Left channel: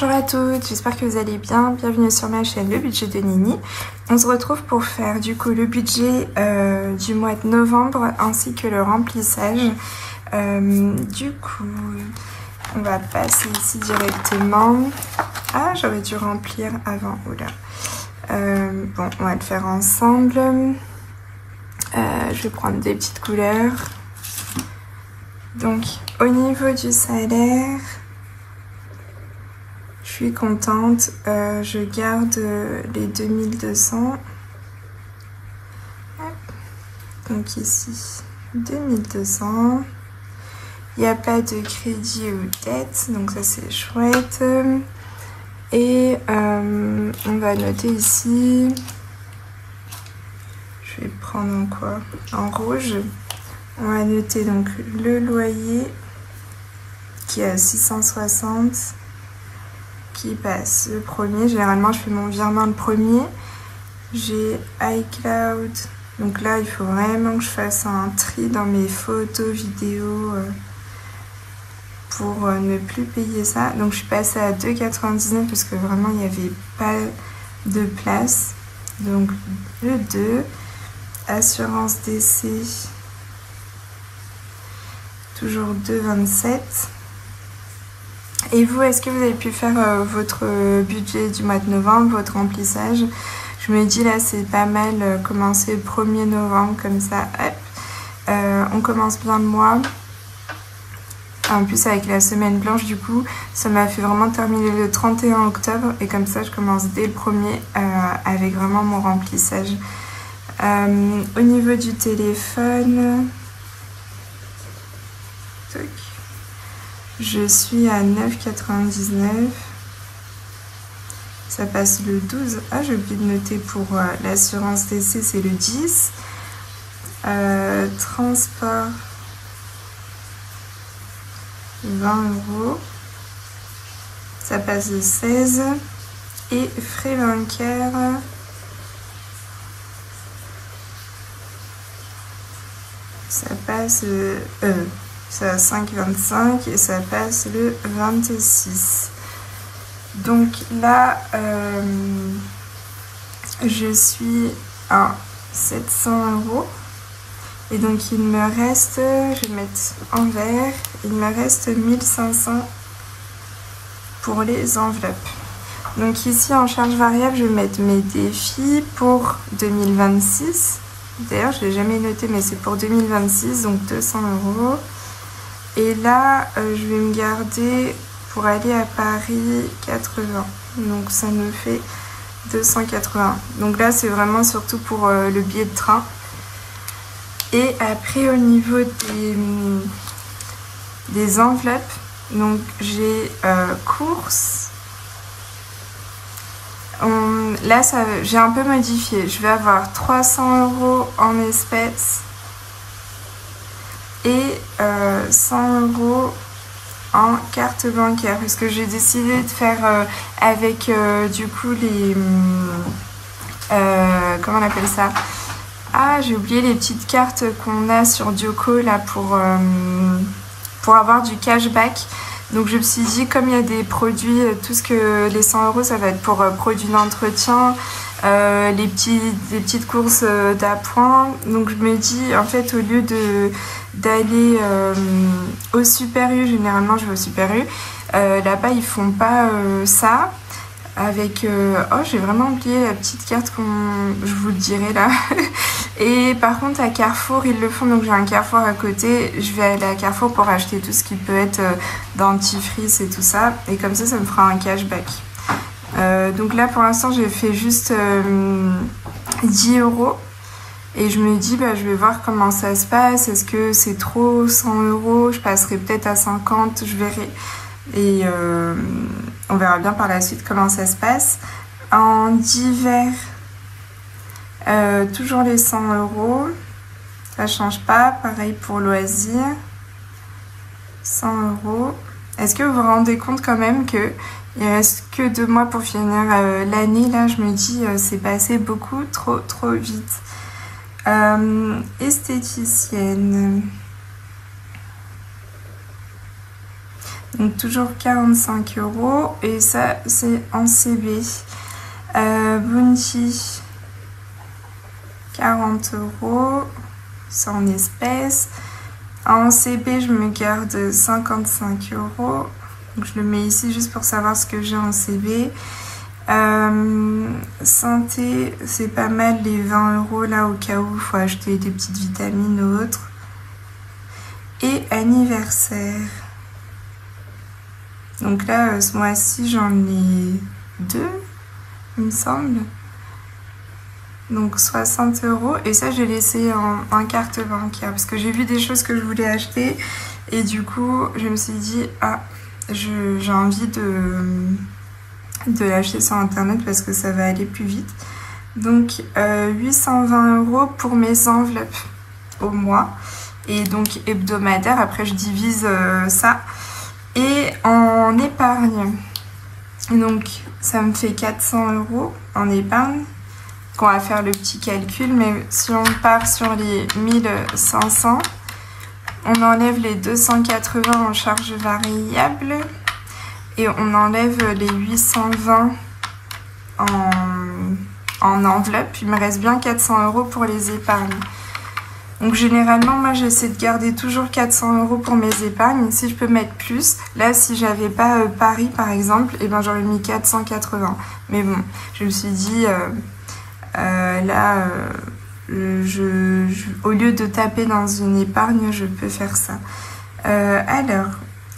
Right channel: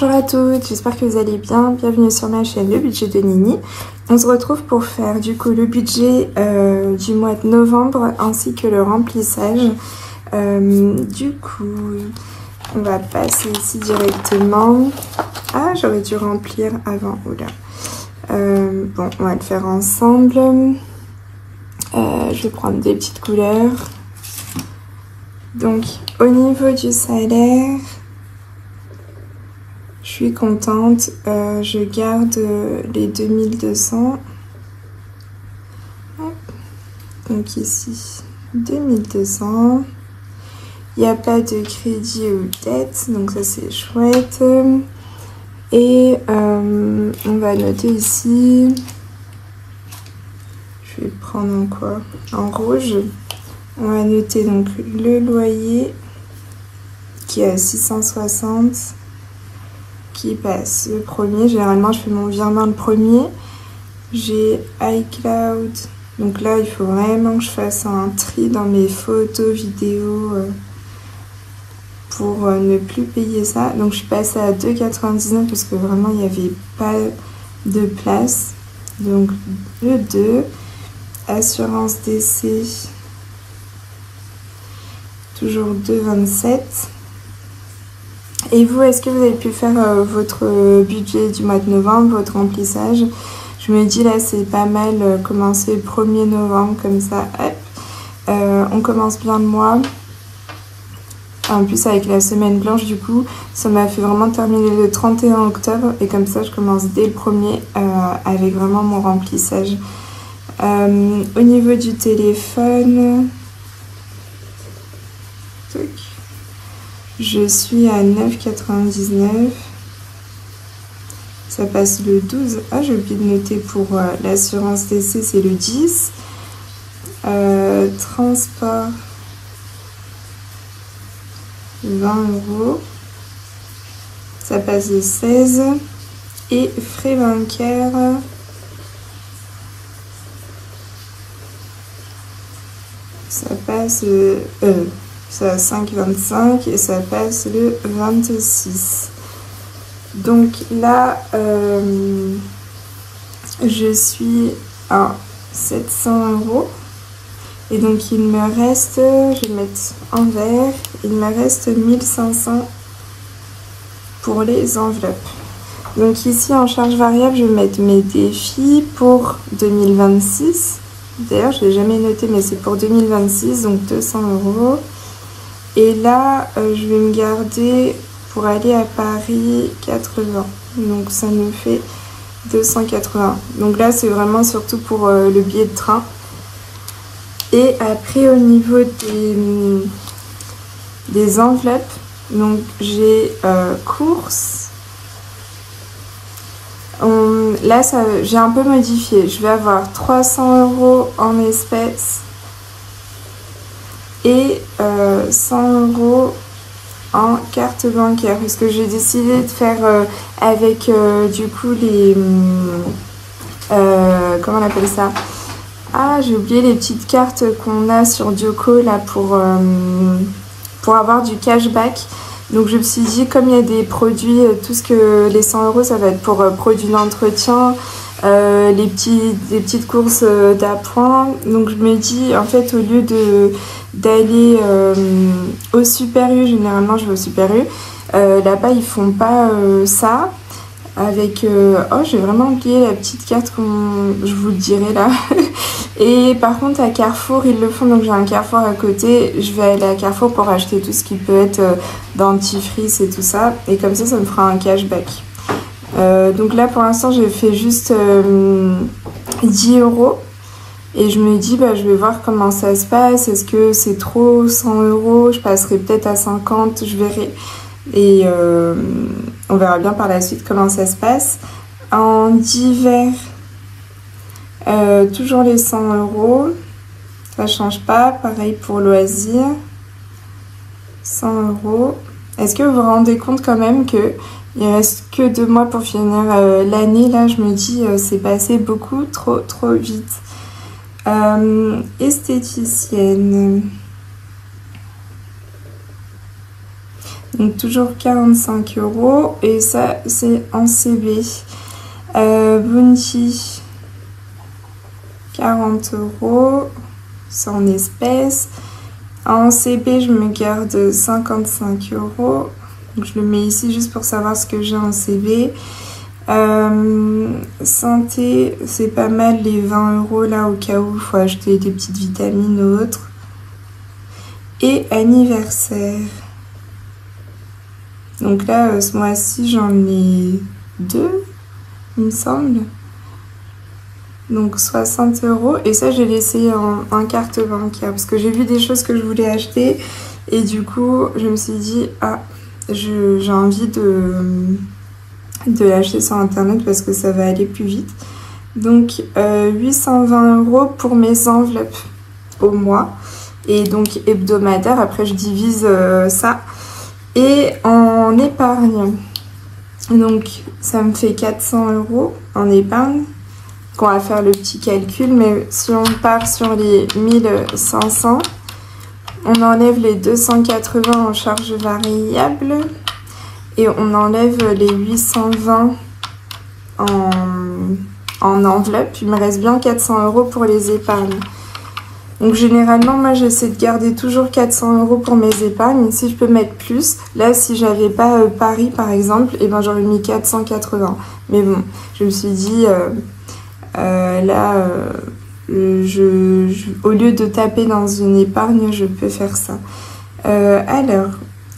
Bonjour à toutes, j'espère que vous allez bien. Bienvenue sur ma chaîne Le Budget de Nini. On se retrouve pour faire du coup le budget du mois de novembre ainsi que le remplissage. Du coup, on va passer ici directement. Ah, j'aurais dû remplir avant. Oula. Bon, on va le faire ensemble. Je vais prendre des petites couleurs. Donc, au niveau du salaire, je suis contente. Je garde les 2200. Donc ici, 2200. Il n'y a pas de crédit ou dette, donc ça c'est chouette. Et on va noter ici, je vais prendre en quoi? En rouge. On va noter donc le loyer qui est à 660, qui passe le premier. Généralement je fais mon virement le premier. J'ai iCloud, donc là il faut vraiment que je fasse un tri dans mes photos, vidéos pour ne plus payer ça. Donc je suis passée à 2,99 parce que vraiment il n'y avait pas de place. Donc 2,2. Assurance décès, toujours 2,27. Et vous, est-ce que vous avez pu faire votre budget du mois de novembre, votre remplissage? Je me dis là c'est pas mal commencer le 1er novembre comme ça, hop. On commence bien le mois. En plus avec la semaine blanche du coup, ça m'a fait vraiment terminer le 31 octobre. Et comme ça je commence dès le 1er avec vraiment mon remplissage. Au niveau du téléphone, je suis à 9,99. Ça passe le 12. Ah, j'ai oublié de noter pour l'assurance décès, c'est le 10. Transport, 20 €. Ça passe le 16. Et frais bancaires, ça passe ça a 5,25 et ça passe le 26. Donc là, je suis à 700 €. Et donc il me reste, je vais mettre en vert, il me reste 1500 pour les enveloppes. Donc ici en charge variable, je vais mettre mes défis pour 2026. D'ailleurs, je ne l'ai jamais noté, mais c'est pour 2026, donc 200 €. Et là, je vais me garder pour aller à Paris 80. Donc ça me fait 280. Donc là, c'est vraiment surtout pour le billet de train. Et après, au niveau des enveloppes, donc j'ai courses. Là, j'ai un peu modifié. Je vais avoir 300 € en espèces et 100 € en carte bancaire. Parce que j'ai décidé de faire avec du coup les... comment on appelle ça? Ah, j'ai oublié les petites cartes qu'on a sur Dioco là pour avoir du cashback. Donc je me suis dit, comme il y a des produits, tout ce que les 100 € ça va être pour produits d'entretien, les petites courses d'appoint. Donc je me dis, en fait, au lieu d'aller au Super U, généralement je vais au Super U, là-bas ils font pas ça. Avec oh, j'ai vraiment oublié la petite carte je vous le dirai là. Et par contre à Carrefour ils le font, donc j'ai un Carrefour à côté. Je vais aller à Carrefour pour acheter tout ce qui peut être dentifrice et tout ça, et comme ça me fera un cashback. Donc là pour l'instant j'ai fait juste 10 € et je me dis bah je vais voir comment ça se passe. Est-ce que c'est trop 100 €? Je passerai peut-être à 50, je verrai. Et on verra bien par la suite comment ça se passe. En divers, toujours les 100 €, ça change pas. Pareil pour loisirs, 100 €. Est-ce que vous vous rendez compte quand même que il reste que 2 mois pour finir l'année? Là je me dis c'est passé beaucoup trop vite. Esthéticienne, Donc toujours 45 € et ça c'est en CB. Bounty 40 €, c'est en espèces. En CB je me garde 55 €. Donc je le mets ici juste pour savoir ce que j'ai en CB. Santé, c'est pas mal les 20 € là au cas où il faut acheter des petites vitamines ou autres. Et anniversaire. Donc là, ce mois-ci, j'en ai 2, il me semble. Donc 60 €. Et ça, j'ai laissé en carte bancaire parce que j'ai vu des choses que je voulais acheter. Et du coup, je me suis dit, ah, j'ai envie de l'acheter sur internet parce que ça va aller plus vite. Donc 820 € pour mes enveloppes au mois et donc hebdomadaire. Après je divise ça et en épargne. Donc ça me fait 400 € en épargne. On va faire le petit calcul, mais si on part sur les 1500, on enlève les 280 en charge variable. Et on enlève les 820 en enveloppe. Il me reste bien 400 € pour les épargnes. Donc généralement, moi j'essaie de garder toujours 400 € pour mes épargnes. Si je peux mettre plus, là si j'avais pas Paris par exemple, et ben j'aurais mis 480. Mais bon, je me suis dit, au lieu de taper dans une épargne, je peux faire ça. Alors,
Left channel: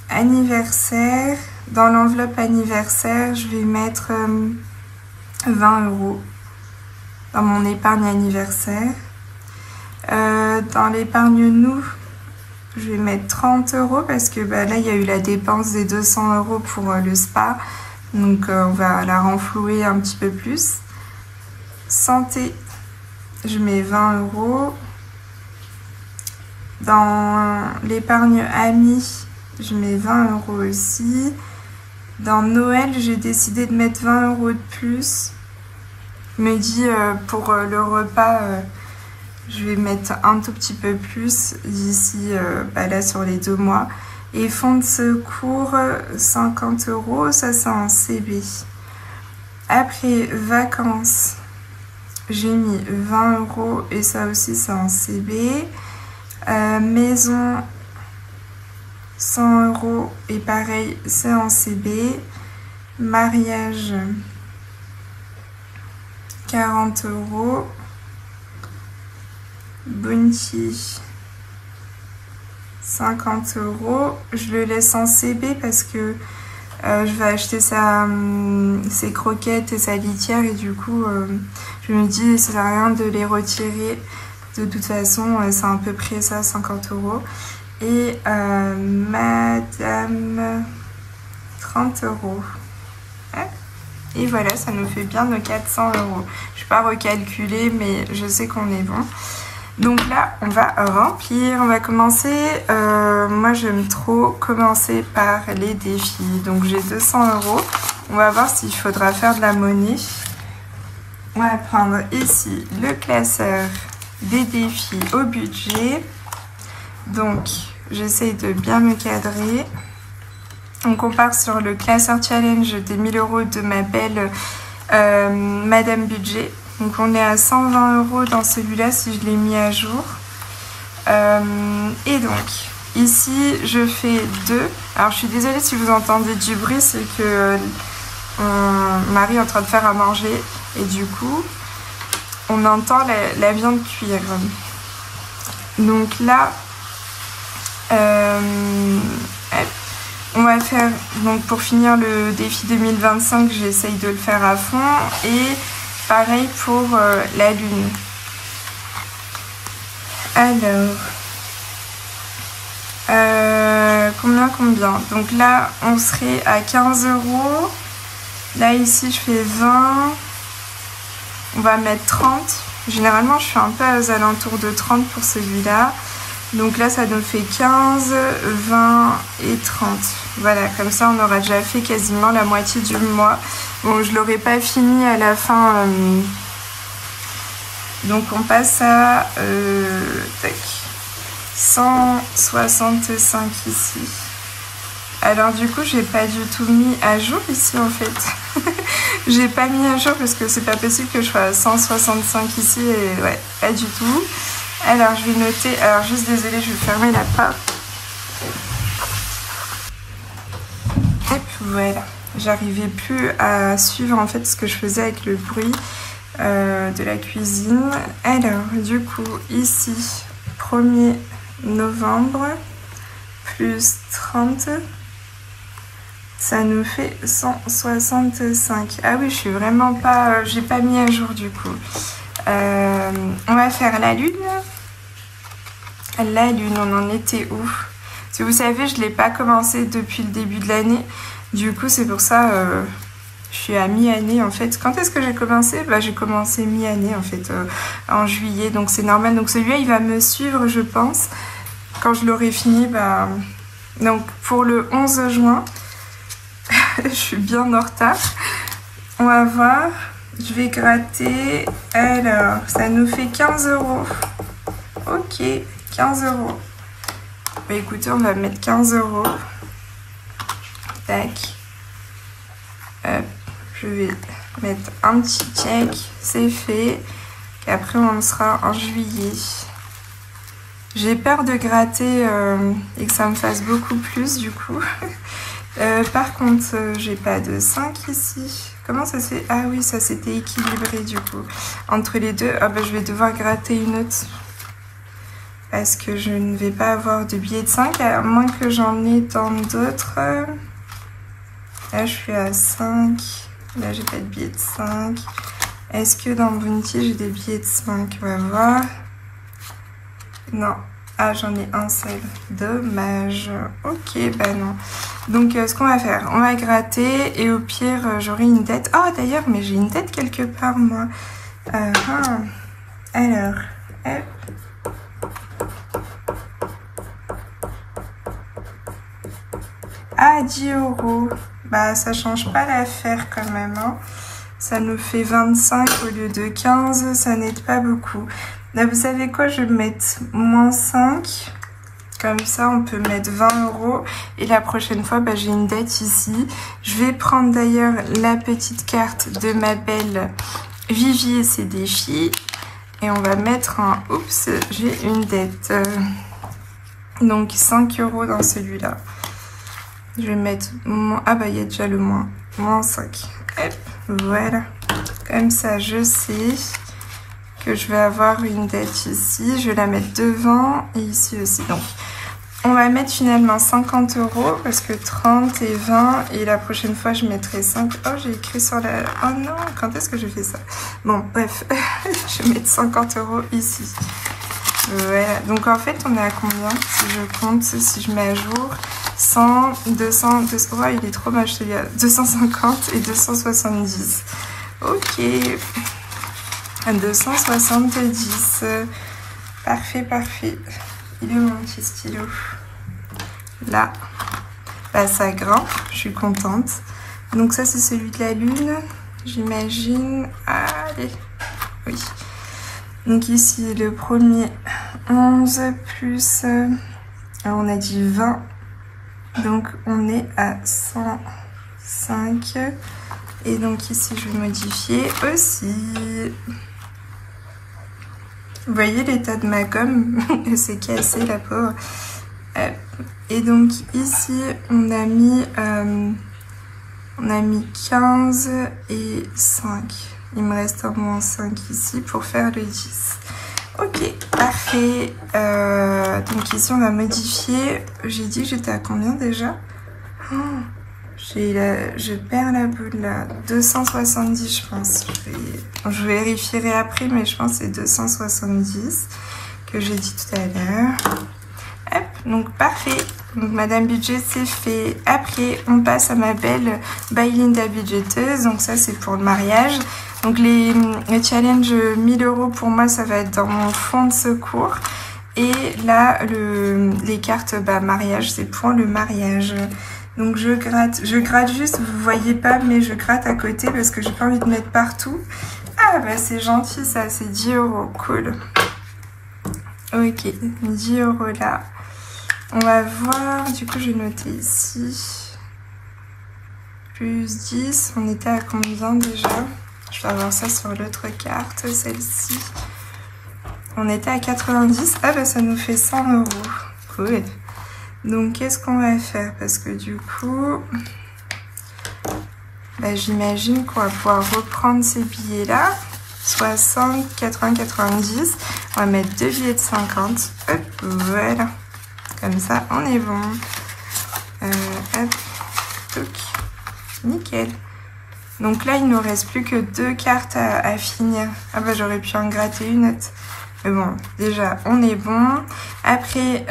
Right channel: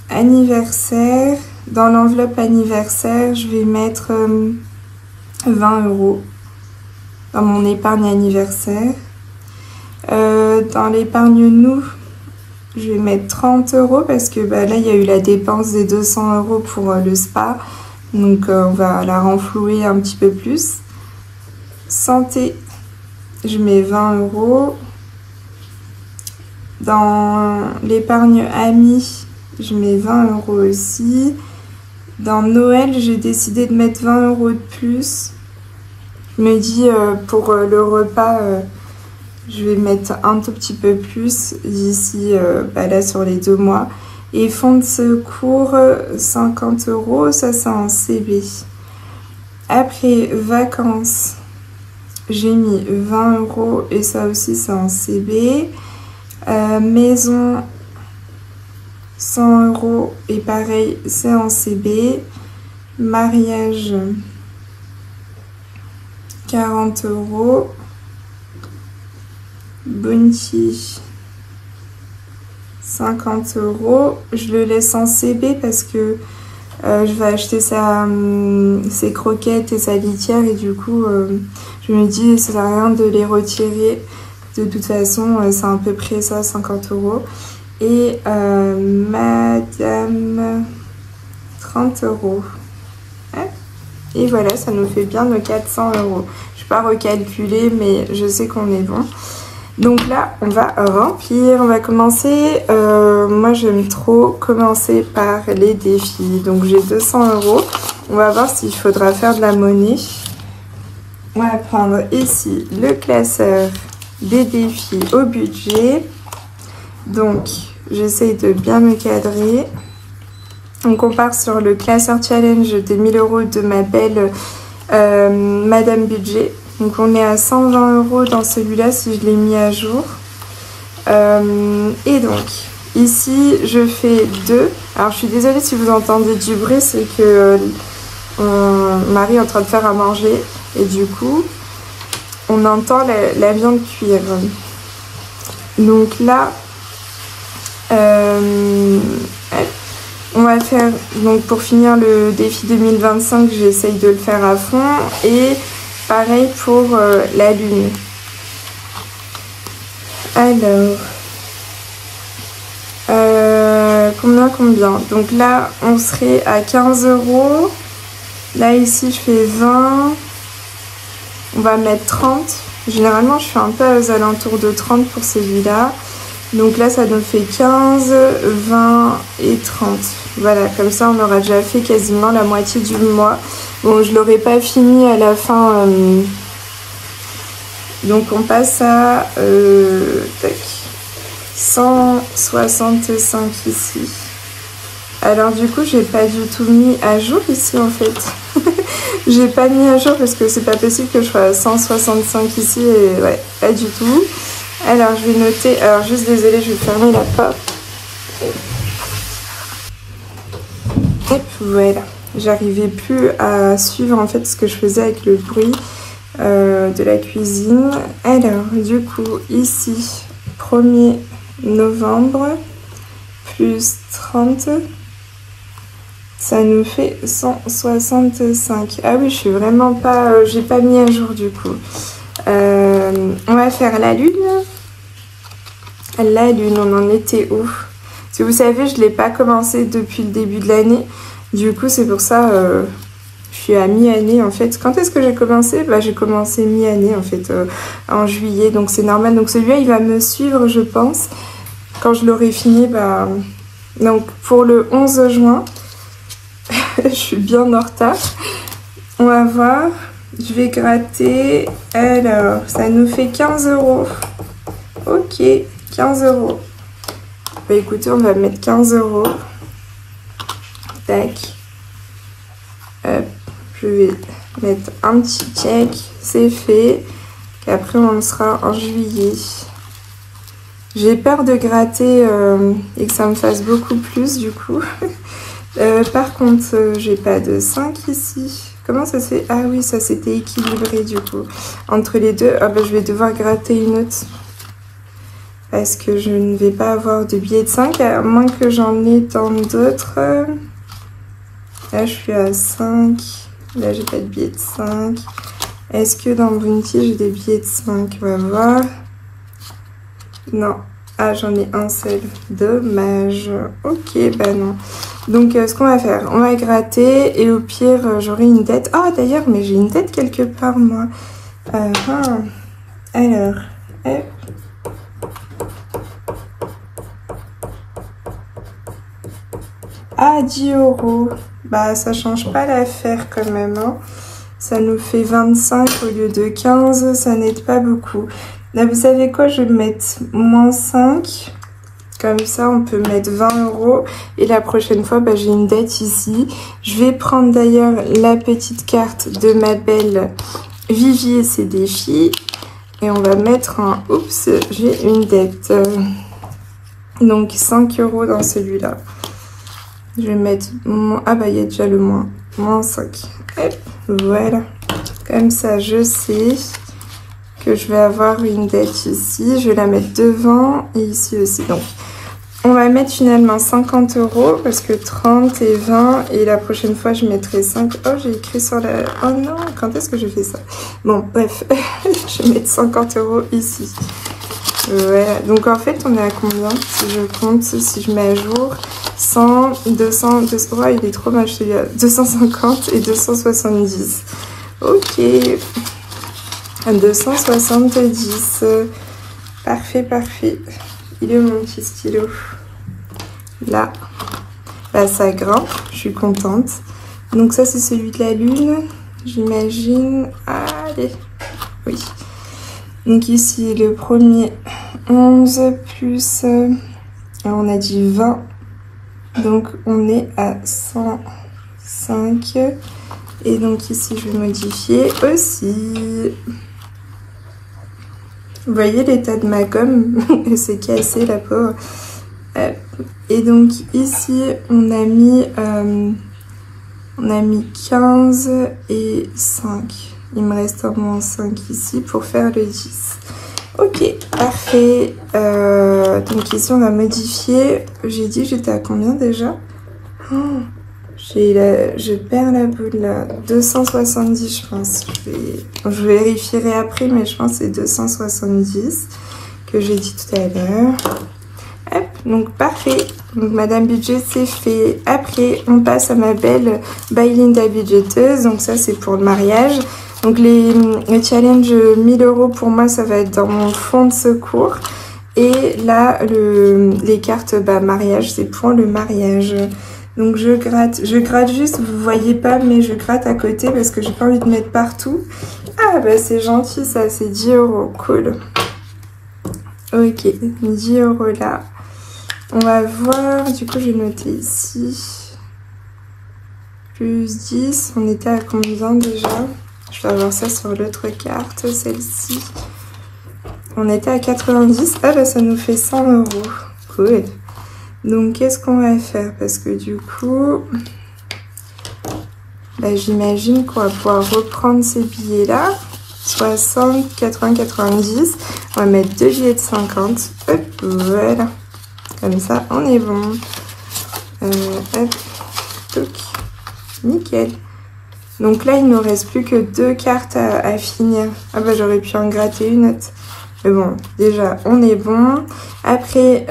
anniversaire. Dans l'enveloppe anniversaire, je vais mettre 20 € dans mon épargne anniversaire. Dans l'épargne nous, je vais mettre 30 € parce que bah, là, il y a eu la dépense des 200 € pour le spa. Donc, on va la renflouer un petit peu plus. Santé, je mets 20 €. Dans l'épargne amis, je mets 20 € aussi. Dans Noël, j'ai décidé de mettre 20 € de plus. Je me dis, pour le repas, je vais mettre un tout petit peu plus d'ici, là, sur les 2 mois. Et fonds de secours, 50 €, ça c'est en CB. Après, vacances, j'ai mis 20 € et ça aussi c'est en CB. Maison, 100 € et pareil, c'est en CB. Mariage, 40 €. Bounty, 50 €. Je le laisse en CB parce que je vais acheter ses croquettes et sa litière et du coup, je me dis, ça sert à rien de les retirer. De toute façon, c'est à peu près ça, 50 €. Et madame, 30 €. Et voilà, ça nous fait bien nos 400 €. Je ne vais pas recalculer, mais je sais qu'on est bon. Donc là, on va remplir. On va commencer. Moi, j'aime trop commencer par les défis. Donc j'ai 200 €. On va voir s'il faudra faire de la monnaie. On va prendre ici le classeur des défis au budget. Donc, j'essaye de bien me cadrer. Donc, on part sur le classeur challenge des 1000 € de ma belle Madame Budget. Donc, on est à 120 € dans celui-là si je l'ai mis à jour. Et donc, ici, je fais 2. Alors, je suis désolée si vous entendez du bruit, c'est que mon mari est en train de faire à manger. Et du coup, on entend la viande cuire. Donc là, on va faire, donc pour finir le défi 2025, j'essaye de le faire à fond. Et pareil pour la lune. Alors, combien? Donc là, on serait à 15 €. Là, ici, je fais 20. On va mettre 30. Généralement, je suis un peu aux alentours de 30 pour celui-là. Donc là, ça nous fait 15, 20 et 30. Voilà, comme ça, on aura déjà fait quasiment la moitié du mois. Bon, je l'aurai pas fini à la fin. Donc, on passe à 165 ici. Alors du coup, j'ai pas du tout mis à jour ici en fait. J'ai pas mis à jour parce que c'est pas possible que je sois à 165 ici et ouais, pas du tout. Alors je vais noter, alors juste désolée, je vais fermer la porte. Et voilà, j'arrivais plus à suivre en fait ce que je faisais avec le bruit de la cuisine. Alors du coup ici, 1er novembre, plus 30, ça nous fait 165. Ah oui, je suis vraiment pas, j'ai pas mis à jour du coup. On va faire la lune. La lune, on en était où? Parce que vous savez, je l'ai pas commencé depuis le début de l'année. Du coup, c'est pour ça, je suis à mi-année en fait. Quand est-ce que j'ai commencé? Bah, j'ai commencé mi-année en fait, en juillet. Donc c'est normal. Donc celui-là, il va me suivre, je pense. Quand je l'aurai fini, bah... Donc pour le 11 juin, je suis bien en retard. On va voir. Je vais gratter. Alors, ça nous fait 15 €. Ok, 15 €. Bah écoutez, on va mettre 15 €. Tac. Hop, je vais mettre un petit check. C'est fait. Et après, on sera en juillet. J'ai peur de gratter et que ça me fasse beaucoup plus du coup. Par contre, j'ai pas de 5 ici. Comment ça s'est... Ah oui, ça s'était équilibré du coup. Entre les deux, ah bah, je vais devoir gratter une autre. Parce que je ne vais pas avoir de billets de 5, à moins que j'en ai dans d'autres. Là, je suis à 5. Là, j'ai pas de billets de 5. Est-ce que dans Bounty, j'ai des billets de 5? On va voir. Non. Ah, j'en ai un seul. Dommage. Ok, bah non. Donc, ce qu'on va faire, on va gratter et au pire, j'aurai une dette. Oh, d'ailleurs, mais j'ai une dette quelque part, moi. Alors, Ah, 10 €. Bah, ça change pas l'affaire quand même, hein. Ça nous fait 25 au lieu de 15. Ça n'aide pas beaucoup. Là, vous savez quoi? Je vais mettre moins 5. Comme ça, on peut mettre 20 €. Et la prochaine fois, bah, j'ai une dette ici. Je vais prendre d'ailleurs la petite carte de ma belle Vivi et ses défis. Et on va mettre un... Oups, j'ai une dette. Donc, 5 € dans celui-là. Je vais mettre... Ah bah, il y a déjà le moins. Moins 5. Hop, voilà. Comme ça, je sais que je vais avoir une dette ici. Je vais la mettre devant et ici aussi. Donc, on va mettre finalement 50 € parce que 30 et 20. Et la prochaine fois, je mettrai 5. Oh, j'ai écrit sur la... Oh non, quand est-ce que je fais ça? Bon, bref. Je vais mettre 50 € ici. Voilà. Donc, en fait, on est à combien? Si je compte, si je mets à jour... 100, 200, 200, oh, il est trop moche celui-là. 250 et 270. Ok. 270. Parfait, parfait. Il est où mon petit stylo? Là. Là, ça grimpe. Je suis contente. Donc ça, c'est celui de la lune. J'imagine. Allez. Oui. Donc ici, le premier 11 plus... alors, on a dit 20. Donc on est à 105 et donc ici je vais modifier aussi. Vous voyez l'état de ma gomme, c'est cassé la pauvre. Et donc ici on a mis 15 et 5. Il me reste au moins 5 ici pour faire le 10. Ok, parfait. Donc ici, on va modifier. J'ai dit que j'étais à combien déjà? Oh, je perds la boule là. 270, je pense. Je vérifierai après, mais je pense que c'est 270 que j'ai dit tout à l'heure. Hop, donc parfait. Donc Madame Budget, c'est fait. Après, on passe à ma belle Bylinda budgéteuse. Donc ça, c'est pour le mariage. Donc les challenges 1000 € pour moi, ça va être dans mon fonds de secours. Et là, les cartes mariage, c'est pour le mariage. Donc je gratte juste, vous voyez pas, mais je gratte à côté parce que j'ai pas envie de mettre partout. Ah bah c'est gentil ça, c'est 10 €, cool. Ok, 10 € là. On va voir, du coup j'ai noté ici. Plus 10, on était à combien déjà? Je vais avoir ça sur l'autre carte, celle-ci. On était à 90, ah bah ça nous fait 100 €. Cool. Donc qu'est-ce qu'on va faire? Parce que du coup, bah, j'imagine qu'on va pouvoir reprendre ces billets-là. 60, 80, 90. On va mettre 2 billets de 50. Hop, voilà. Comme ça, on est bon. Hop, toc. Nickel. Donc là, il ne nous reste plus que 2 cartes à finir. Ah bah j'aurais pu en gratter une autre. Mais bon, déjà, on est bon. Après,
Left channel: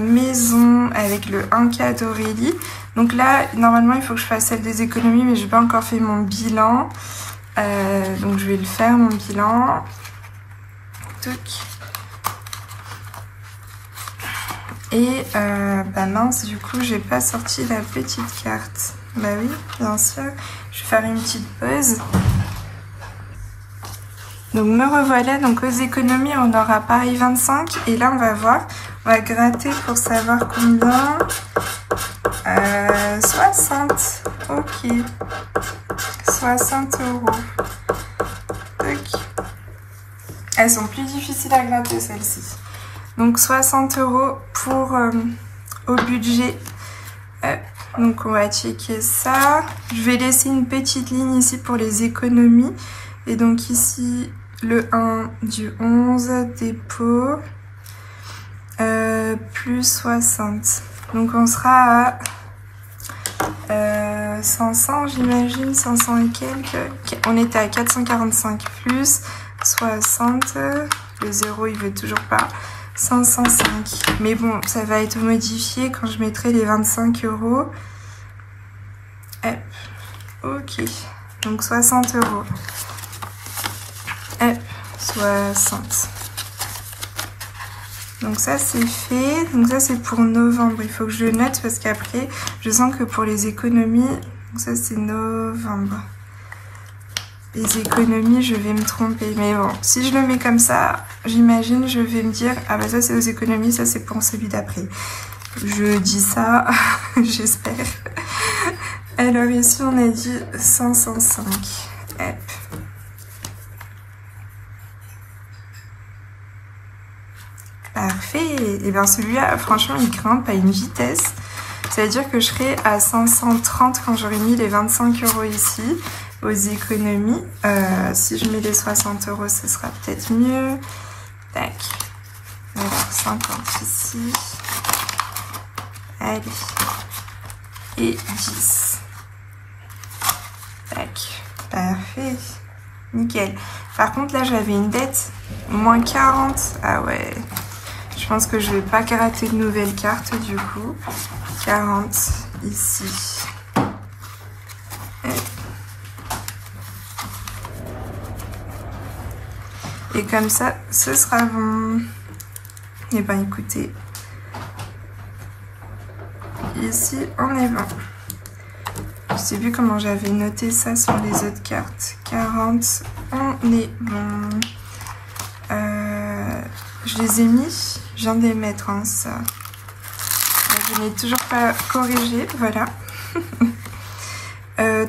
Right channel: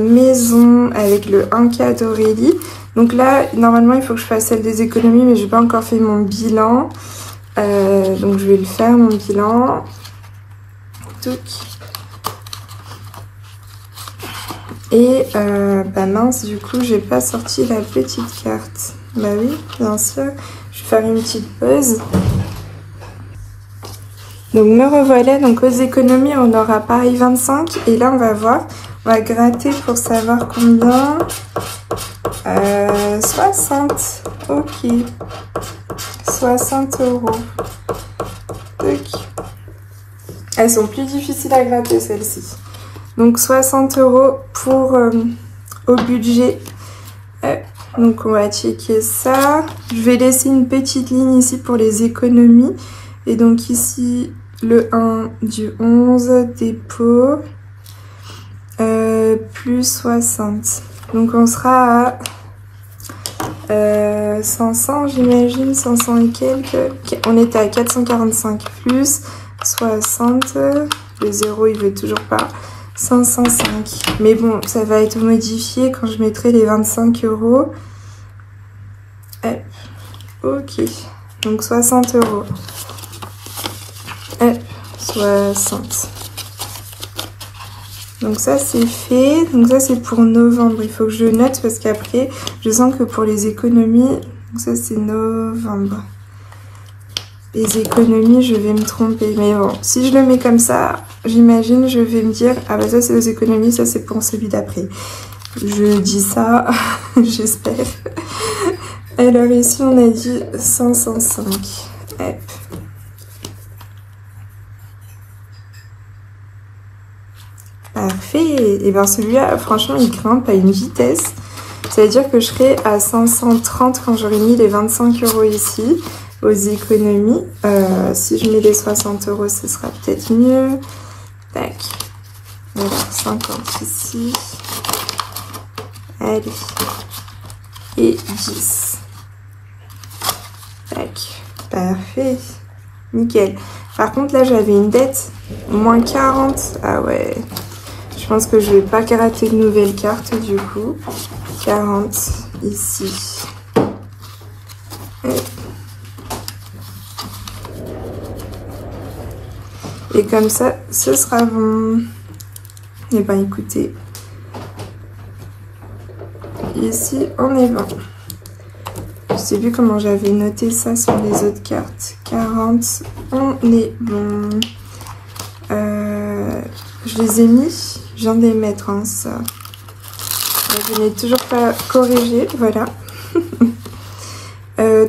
maison avec le 1K d'Aurélie. Donc là, normalement, il faut que je fasse celle des économies, mais j'ai pas encore fait mon bilan. Donc je vais le faire, mon bilan. Touc. Et bah mince, du coup, j'ai pas sorti la petite carte. Bah oui, bien sûr. Je vais faire une petite pause. Donc me revoilà, donc aux économies, on aura pareil 25. Et là, on va voir, on va gratter pour savoir combien. 60. Ok. 60 €. Elles sont plus difficiles à gratter, celles-ci. Donc 60 € pour au budget. Donc on va checker ça. Je vais laisser une petite ligne ici pour les économies. Et donc ici, le 1 du 11, dépôt, plus 60. Donc on sera à 500, j'imagine, 500 et quelques. On était à 445 plus 60. Le 0, il veut toujours pas. 505. Mais bon, ça va être modifié quand je mettrai les 25 €. Ok. Donc 60 €. 60. Donc ça c'est fait. Donc ça c'est pour novembre. Il faut que je note parce qu'après je sens que pour les économies, donc ça c'est novembre. Les économies, je vais me tromper. Mais bon, si je le mets comme ça, j'imagine je vais me dire ah bah ça c'est aux économies, ça c'est pour celui d'après. Je dis ça, j'espère. Alors ici on a dit 505. Hop. Parfait. Et bien celui-là, franchement, il grimpe à une vitesse. Ça veut dire que je serai à 530 quand j'aurai mis les 25 € ici, aux économies. Si je mets les 60 €, ce sera peut-être mieux. Tac. Voilà, 50 ici. Allez. Et 10. Tac. Parfait. Nickel. Par contre, là, j'avais une dette. Moins 40. Ah ouais. Je pense que je vais pas gratter de nouvelles cartes du coup. 40 ici. Et comme ça, ce sera bon. Et ben écoutez. Ici, on est bon. Je sais plus comment j'avais noté ça sur les autres cartes. 40, on est bon. Je les ai mis. Je viens de les mettre, hein, ça. Je n'ai toujours pas corrigé, voilà.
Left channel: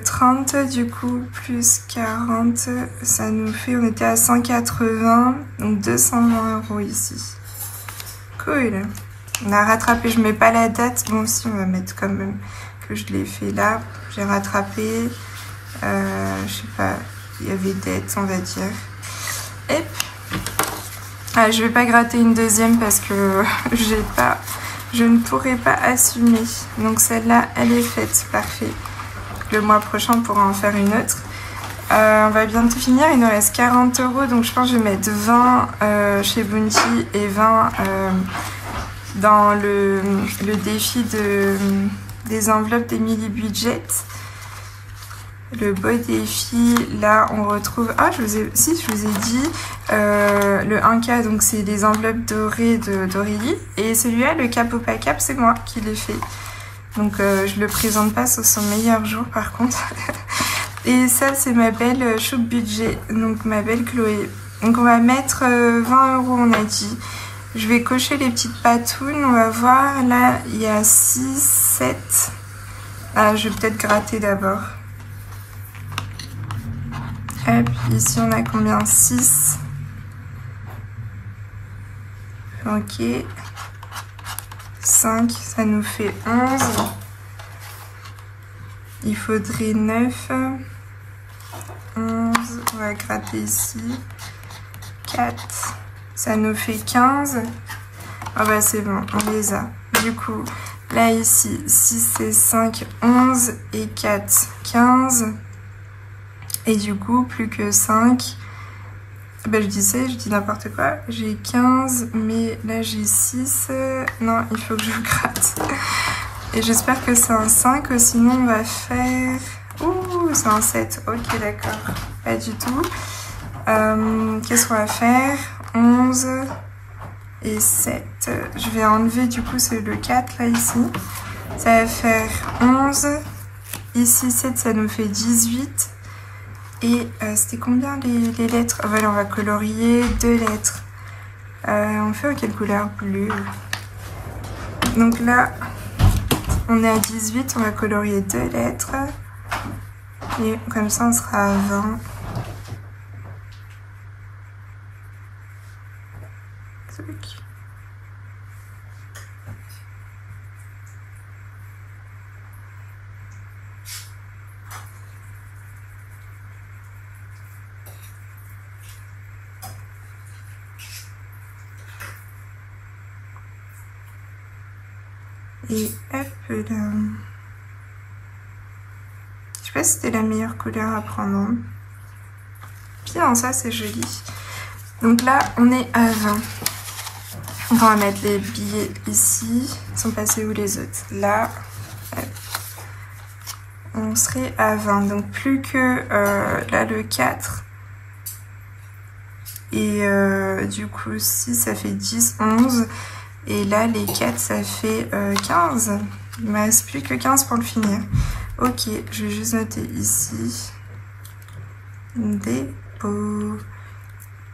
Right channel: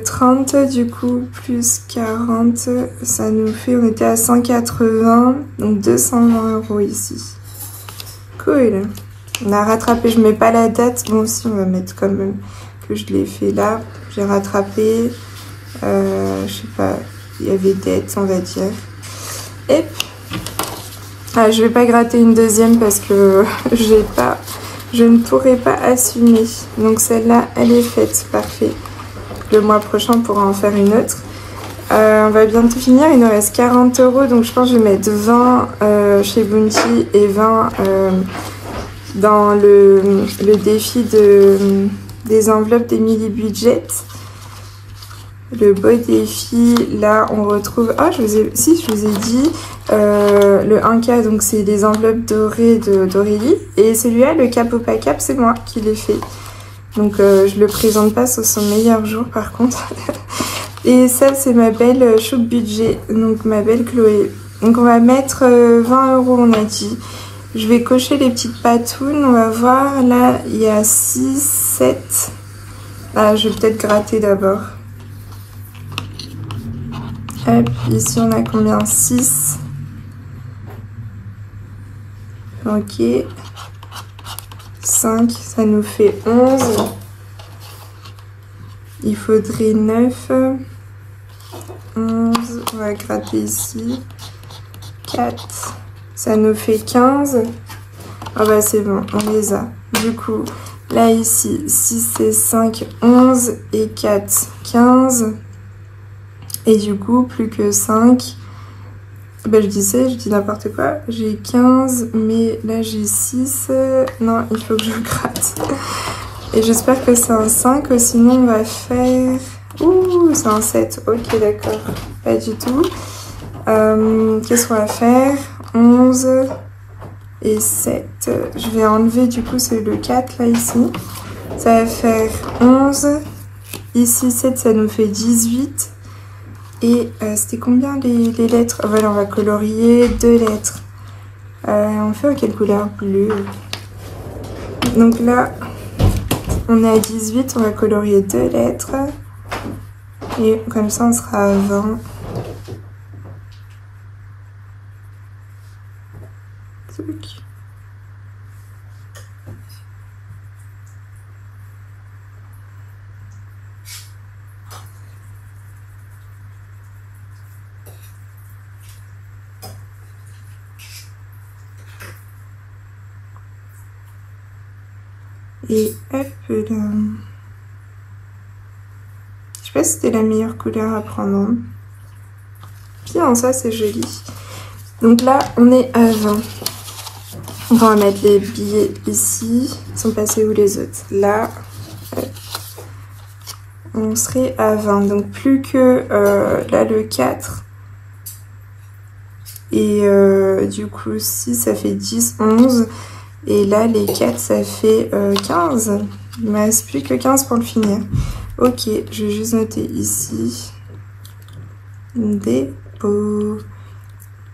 30 du coup, plus 40, ça nous fait, on était à 180, donc 220 € ici. Cool. On a rattrapé, je mets pas la date, bon si on va mettre quand même que je l'ai fait là. J'ai rattrapé, je sais pas, il y avait dette, on va dire. Et ah, je vais pas gratter une deuxième parce que je ne pourrai pas assumer. Donc celle-là, elle est faite, parfait. Le mois prochain, on pourra en faire une autre. On va bientôt finir, il nous reste 40 €, donc je pense que je vais mettre 20 chez Bounty et 20 dans le défi des enveloppes d'Emily Budget. Le beau défi, là on retrouve, ah je vous ai dit, le 1K, donc c'est les enveloppes dorées d'Aurélie, et celui-là, le cap ou pas cap, c'est moi qui l'ai fait. Donc je le présente pas sur son meilleur jour par contre. Et ça c'est ma belle choupe budget, donc ma belle Chloé. Donc on va mettre 20 € on a dit. Je vais cocher les petites patounes, on va voir. Là, il y a 6, 7. Ah, je vais peut-être gratter d'abord. Hop, ici on a combien? 6. Ok. 5, ça nous fait 11. Il faudrait 9. 11, on va gratter ici. 4, ça nous fait 15. Ah bah c'est bon, on les a. Du coup, là ici, 6 et 5, 11 et 4, 15. Et du coup, plus que 5. Ben je dis n'importe quoi. J'ai 15, mais là j'ai 6. Non, il faut que je gratte. Et j'espère que c'est un 5, sinon on va faire... Ouh, c'est un 7. Ok, d'accord. Pas du tout. Qu'est-ce qu'on va faire? 11 et 7. Je vais enlever du coup le 4 là ici. Ça va faire 11. Ici 7, ça nous fait 18. Et c'était combien les lettres? Voilà, on va colorier 2 lettres. On fait en quelle couleur? Bleu. Donc là, on est à 18, on va colorier 2 lettres. Et comme ça, on sera à 20. Et hop là. Je sais pas si c'était la meilleure couleur à prendre. Bien, ça c'est joli. Donc là, on est à 20. On va mettre les billets ici. Ils sont passés où les autres? Là. Hop. On serait à 20. Donc plus que là le 4. Et du coup 6, ça fait 10, 11. Et là, les 4, ça fait 15. Il ne me reste plus que 15 pour le finir. Ok, je vais juste noter ici. Dépôt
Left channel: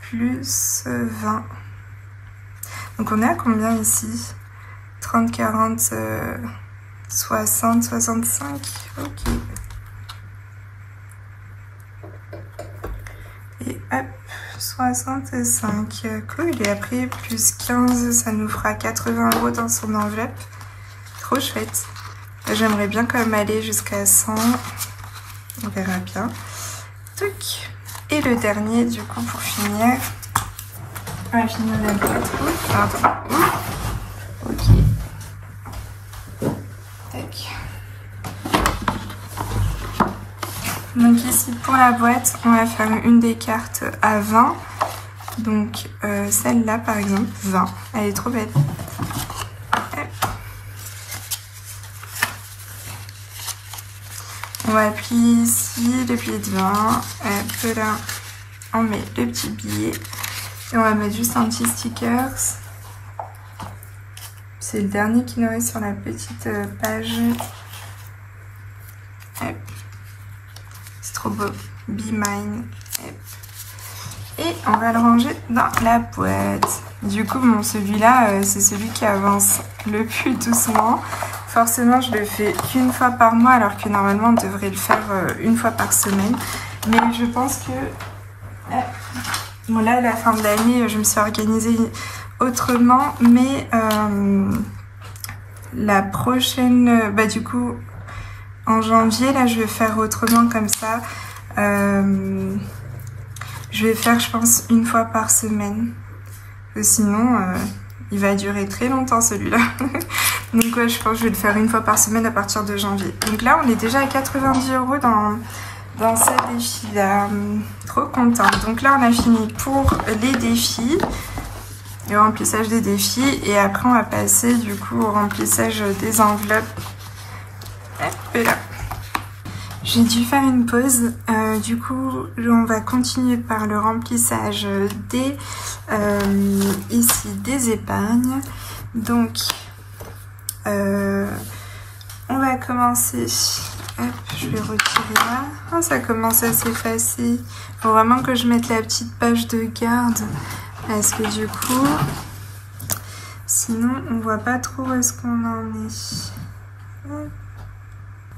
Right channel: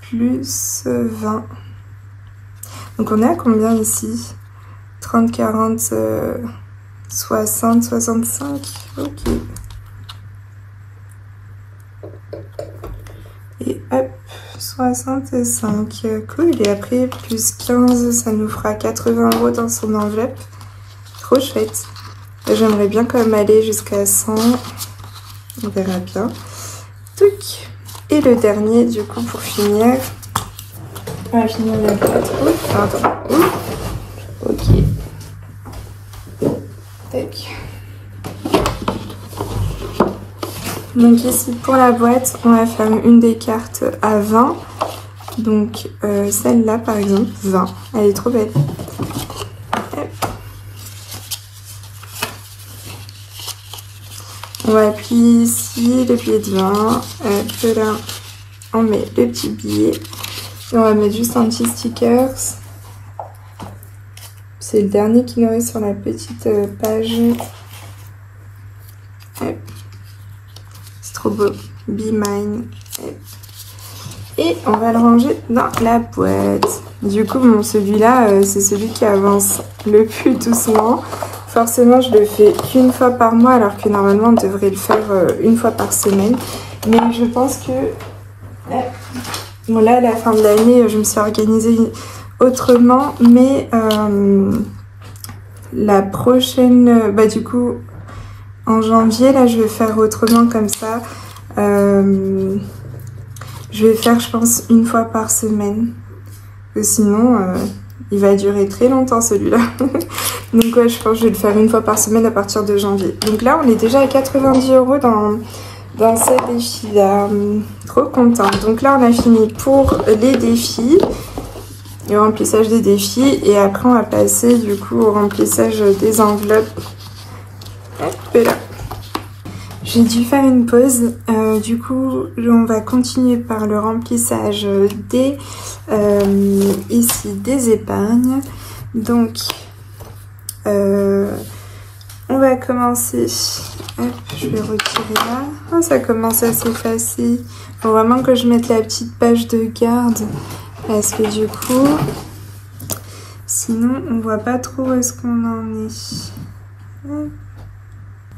plus 20. Donc on est à combien ici? 30, 40, 60, 65. Ok. Et hop, 65. Cool, et après plus 15, ça nous fera 80 € dans son enveloppe. Trop chouette. J'aimerais bien quand même aller jusqu'à 100. On verra bien. Tuc. Et le dernier, du coup, pour finir. On va finir la boîte. Ouh, pardon. Ouh. Ok. Tac. Donc ici pour la boîte, on va faire une des cartes à 20. Donc celle-là par exemple, 20. Elle est trop belle. On va appuyer ici le billet de 20. Là, on met le petit billet. Et on va mettre juste un petit sticker. C'est le dernier qui nous reste sur la petite page. Trop beau, Be Mine. Et on va le ranger dans la boîte. Du coup, bon, celui-là, c'est celui qui avance le plus doucement. Forcément, je le fais qu'une fois par mois, alors que normalement, on devrait le faire une fois par semaine. Mais je pense que... Bon, là, à la fin de l'année, je me suis organisée autrement. Mais la prochaine... Bah, du coup... En janvier, là, je vais faire autrement comme ça. Je vais faire, je pense, une fois par semaine. Parce que sinon, il va durer très longtemps, celui-là. Donc, ouais, je pense que je vais le faire une fois par semaine à partir de janvier. Donc là, on est déjà à 90 € dans ce défi-là. Trop contente. Donc là, on a fini pour les défis. Le remplissage des défis. Et après, on va passer, du coup, au remplissage des enveloppes. J'ai dû faire une pause, du coup on va continuer par le remplissage des ici des épargnes. Donc on va commencer. Hop, je vais retirer là. Oh, ça commence à s'effacer. Faut vraiment que je mette la petite page de garde parce que du coup Sinon, on voit pas trop où est-ce qu'on en est.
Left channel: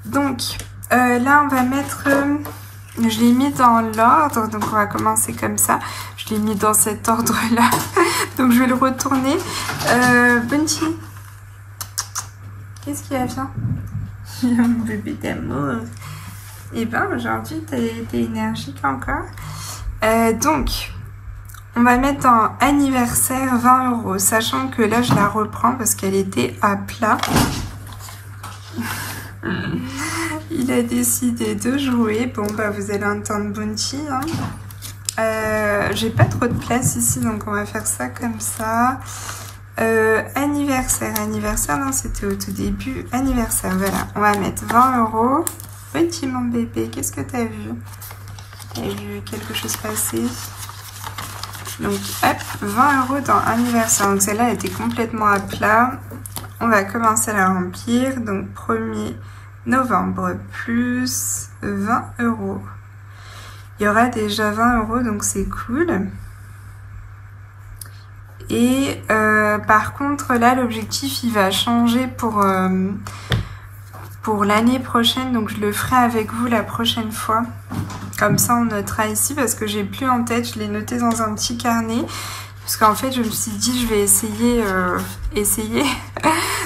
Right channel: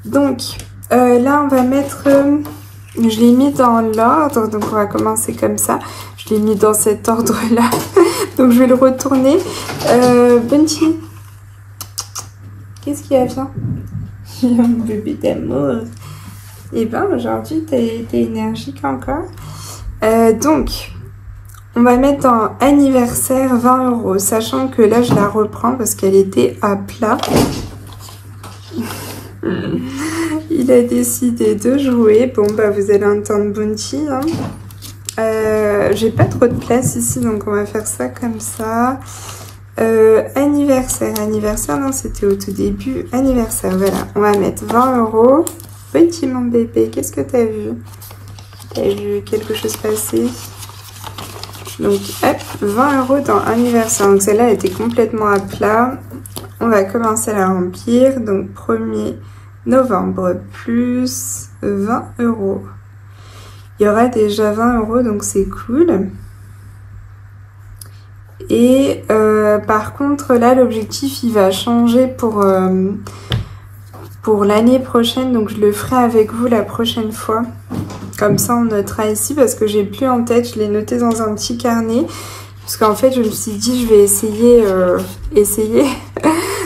Donc, là, on va mettre... je l'ai mis dans l'ordre, donc on va commencer comme ça. Je l'ai mis dans cet ordre-là. Donc, je vais le retourner. Bunty, qu'est-ce qu'il y a, viens? Mon bébé d'amour. Et ben, aujourd'hui, t'es énergique encore. Donc... on va mettre dans anniversaire 20 €, sachant que là je la reprends parce qu'elle était à plat. Il a décidé de jouer. Bon bah vous allez entendre Bunty. Hein. J'ai pas trop de place ici donc on va faire ça comme ça. Anniversaire, non c'était au tout début. Anniversaire, voilà. On va mettre 20 €. Petit mon bébé, qu'est-ce que t'as vu? T'as vu quelque chose passer? Donc hop, 20 € dans anniversaire. Donc celle-là elle était complètement à plat. On va commencer à la remplir. Donc 1er novembre plus 20 €. Il y aura déjà 20 € donc c'est cool. Et par contre là l'objectif il va changer pour l'année prochaine. Donc je le ferai avec vous la prochaine fois. Comme ça on notera ici parce que j'ai plus en tête, je l'ai noté dans un petit carnet. Parce qu'en fait je me suis dit je vais essayer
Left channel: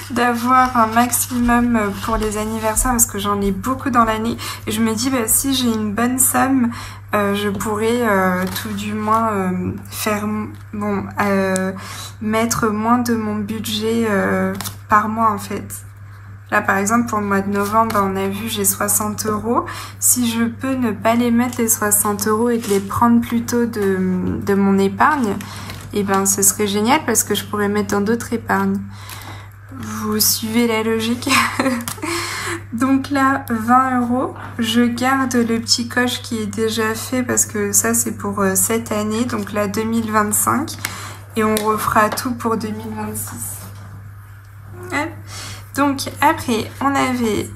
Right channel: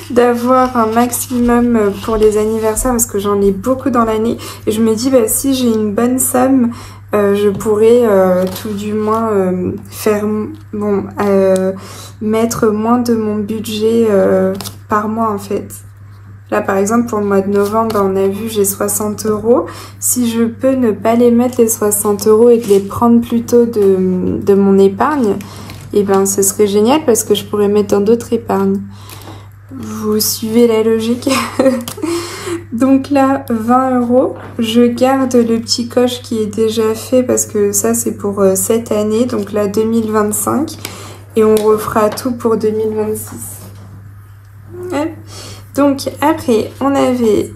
d'avoir un maximum pour les anniversaires parce que j'en ai beaucoup dans l'année. Et je me dis bah si j'ai une bonne somme, je pourrais tout du moins mettre moins de mon budget par mois en fait. Là, par exemple, pour le mois de novembre, on a vu, j'ai 60 €. Si je peux ne pas les mettre, les 60 € et de les prendre plutôt de mon épargne, eh ben, ce serait génial parce que je pourrais mettre dans d'autres épargnes. Vous suivez la logique? Donc là, 20 €. Je garde le petit coche qui est déjà fait parce que ça, c'est pour cette année. Donc là, 2025. Et on refera tout pour 2026. Ouais. Donc après on avait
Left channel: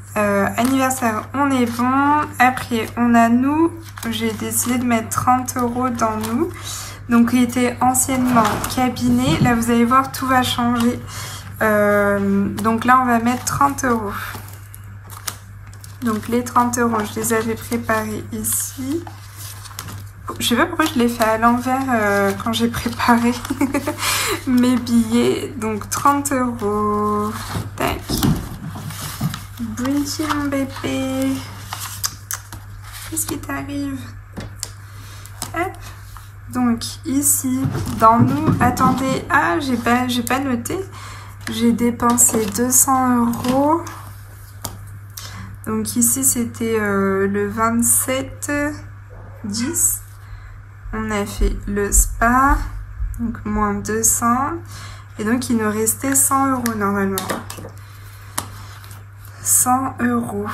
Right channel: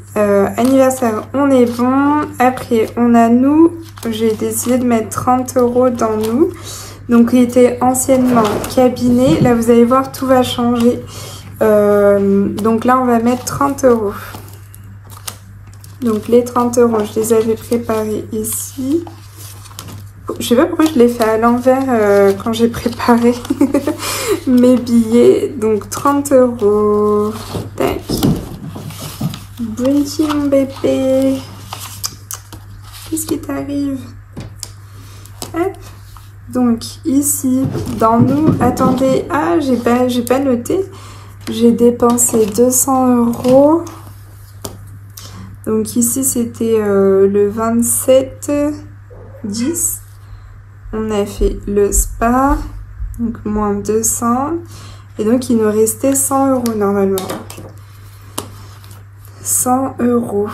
anniversaire, on est bon. Après on a nous, j'ai décidé de mettre 30 € dans nous. Donc il était anciennement cabinet. Là vous allez voir tout va changer. Donc là on va mettre 30 €. Donc les 30 € je les avais préparés ici. Je sais pas pourquoi je l'ai fait à l'envers quand j'ai préparé mes billets. Donc 30 €. Tac. Bunty mon bébé. Qu'est-ce qui t'arrive? Hop. Donc ici, dans nous, attendez. Ah, j'ai pas noté. J'ai dépensé 200 €. Donc ici c'était le 27/10. On a fait le spa, donc moins 200. Et donc, il nous restait 100 € normalement. 100 €.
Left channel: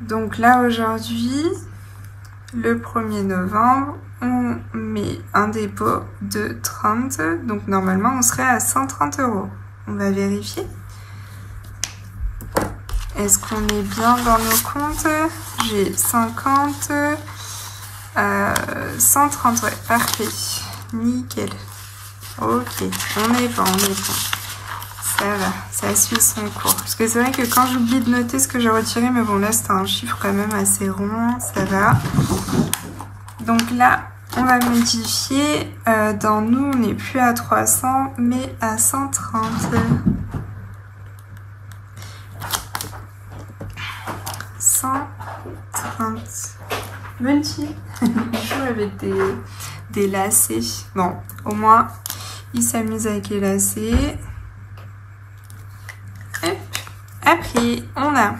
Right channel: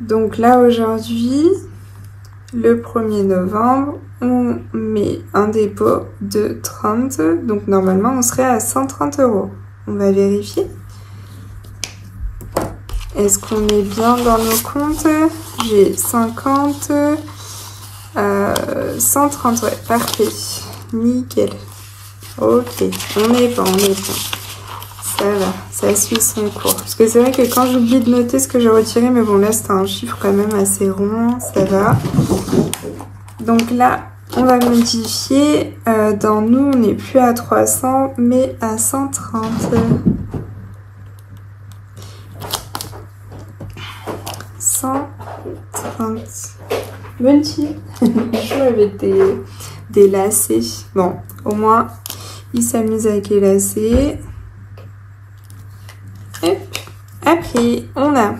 Donc là, aujourd'hui, le 1er novembre, on met un dépôt de 30. Donc normalement, on serait à 130 €. On va vérifier. Est-ce qu'on est bien dans nos comptes? J'ai 50... 130, ouais, parfait. Nickel. Ok, on est bon. Ça va, ça suit son cours. Parce que c'est vrai que quand j'oublie de noter ce que j'ai retiré, mais bon là c'est un chiffre quand même assez rond, ça va. Donc là, on va modifier. Dans nous, on n'est plus à 300, mais à 130. 130. Bunty. Je joue avec des lacets. Bon, au moins, il s'amuse avec les lacets. Hop. Après, on a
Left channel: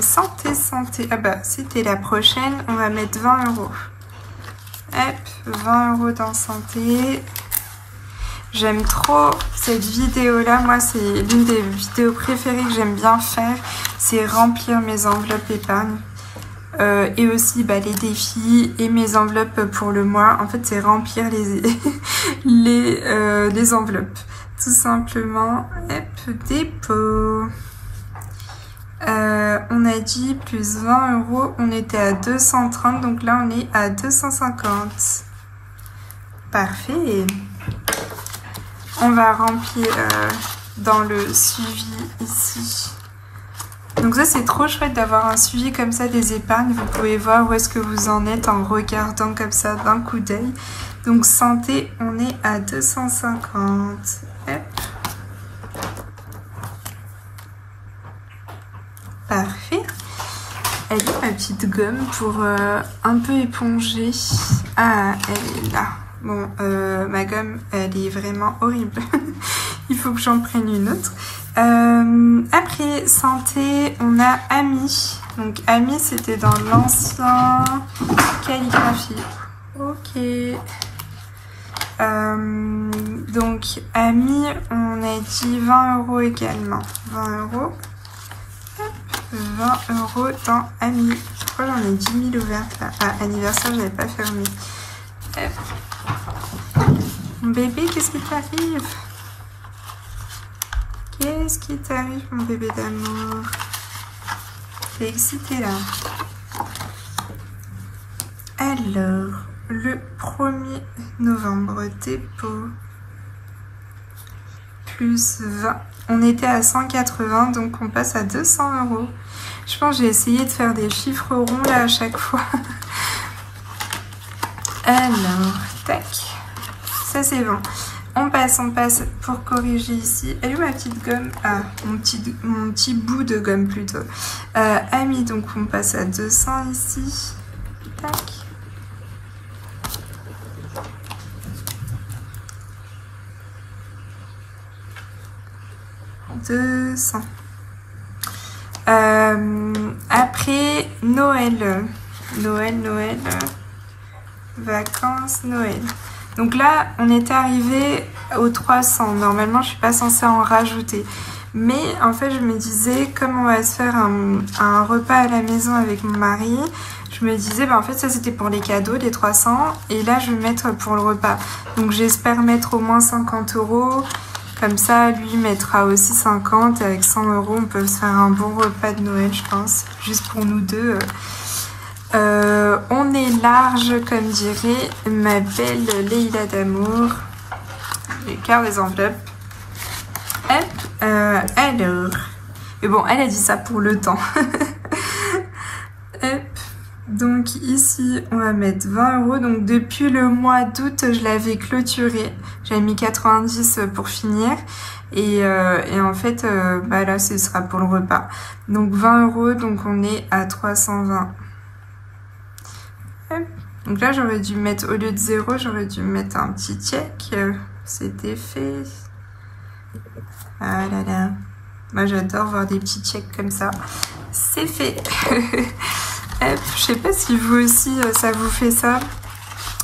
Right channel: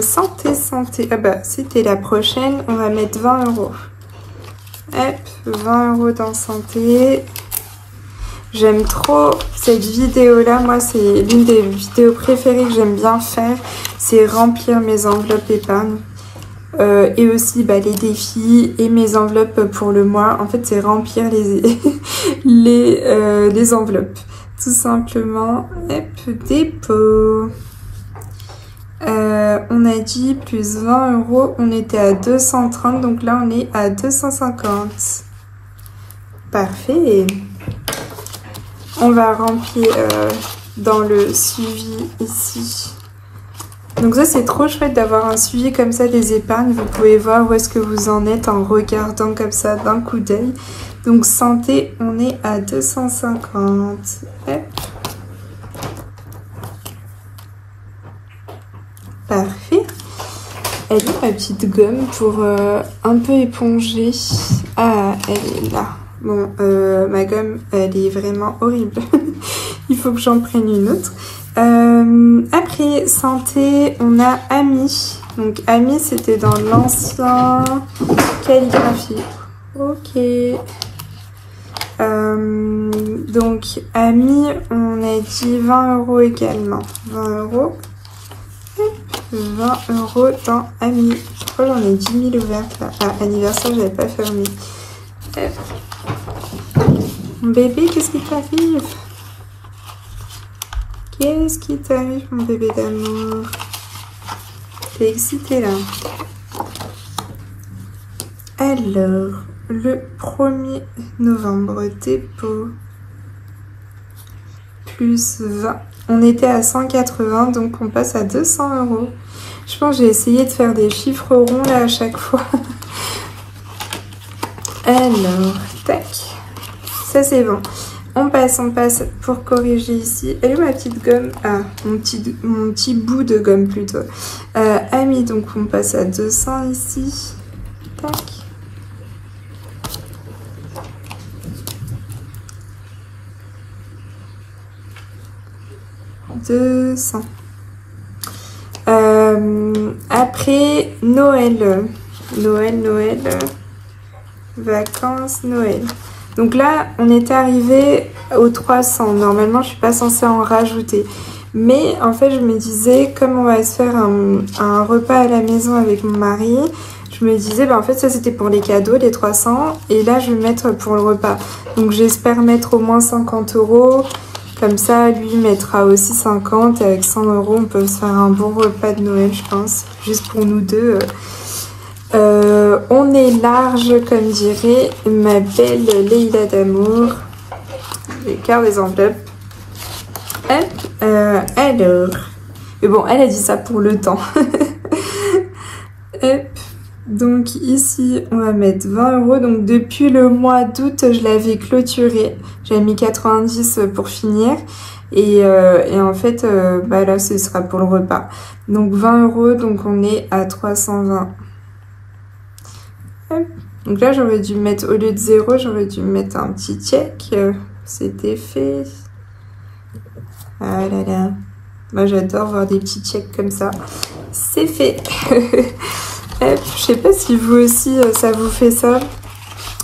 santé. Ah bah, c'était la prochaine. On va mettre 20 €. Hop, 20 € dans santé. J'aime trop cette vidéo-là. Moi, c'est l'une des vidéos préférées que j'aime bien faire. C'est remplir mes enveloppes épargne. Et aussi bah, les défis et mes enveloppes pour le mois. En fait, c'est remplir les enveloppes. Tout simplement. Hop, dépôt. On a dit plus 20 €. On était à 230. Donc là, on est à 250. Parfait. on va remplir dans le suivi ici. Donc ça c'est trop chouette d'avoir un suivi comme ça des épargnes. Vous pouvez voir où est-ce que vous en êtes en regardant comme ça d'un coup d'œil. Donc santé, on est à 250. Hop. Parfait. Elle est ma petite gomme pour un peu éponger. Ah, elle est là. Bon, ma gomme, elle est vraiment horrible. Il faut que j'en prenne une autre. Après, santé, on a Ami. Donc, Ami, c'était dans l'ancien calligraphie. Ok. Donc, Ami, on a dit 20 € également. 20 €. 20 € dans Ami. Je crois que j'en ai 10 000 ouvertes là. Ah, anniversaire, j'avais pas fermé. Mon bébé, qu'est-ce qui t'arrive? Qu'est-ce qui t'arrive, mon bébé d'amour? T'es excité là. Alors, le 1er novembre, dépôt. Plus 20. On était à 180, donc on passe à 200 €. Je pense que j'ai essayé de faire des chiffres ronds là à chaque fois. Alors, tac. Ça c'est bon. On passe pour corriger ici. Elle est ma petite gomme? Ah, mon petit bout de gomme plutôt. Ami, donc on passe à 200 ici. Tac. Après Noël, vacances, Noël. Donc là, on était arrivé aux 300. Normalement, je suis pas censée en rajouter. Mais en fait, je me disais, comme on va se faire un repas à la maison avec mon mari, je me disais, bah en fait, ça c'était pour les cadeaux, les 300. Et là, je vais mettre pour le repas. Donc j'espère mettre au moins 50 €. Comme ça, lui mettra aussi 50. Et avec 100 €, on peut se faire un bon repas de Noël, je pense. Juste pour nous deux. On est large, comme dirait ma belle Leïla d'amour. Les cartes des enveloppes. Hop, alors. Mais bon, elle a dit ça pour le temps. Hop. Donc ici, on va mettre 20 €. Donc depuis le mois d'août, je l'avais clôturé. J'avais mis 90 pour finir. Et en fait, bah là, ce sera pour le repas. Donc 20 €, donc on est à 320. Hop. Donc là, j'aurais dû mettre, au lieu de 0, j'aurais dû mettre un petit check. C'était fait. Ah là là. Moi, j'adore voir des petits checks comme ça. C'est fait. Je sais pas si vous aussi, ça vous fait ça.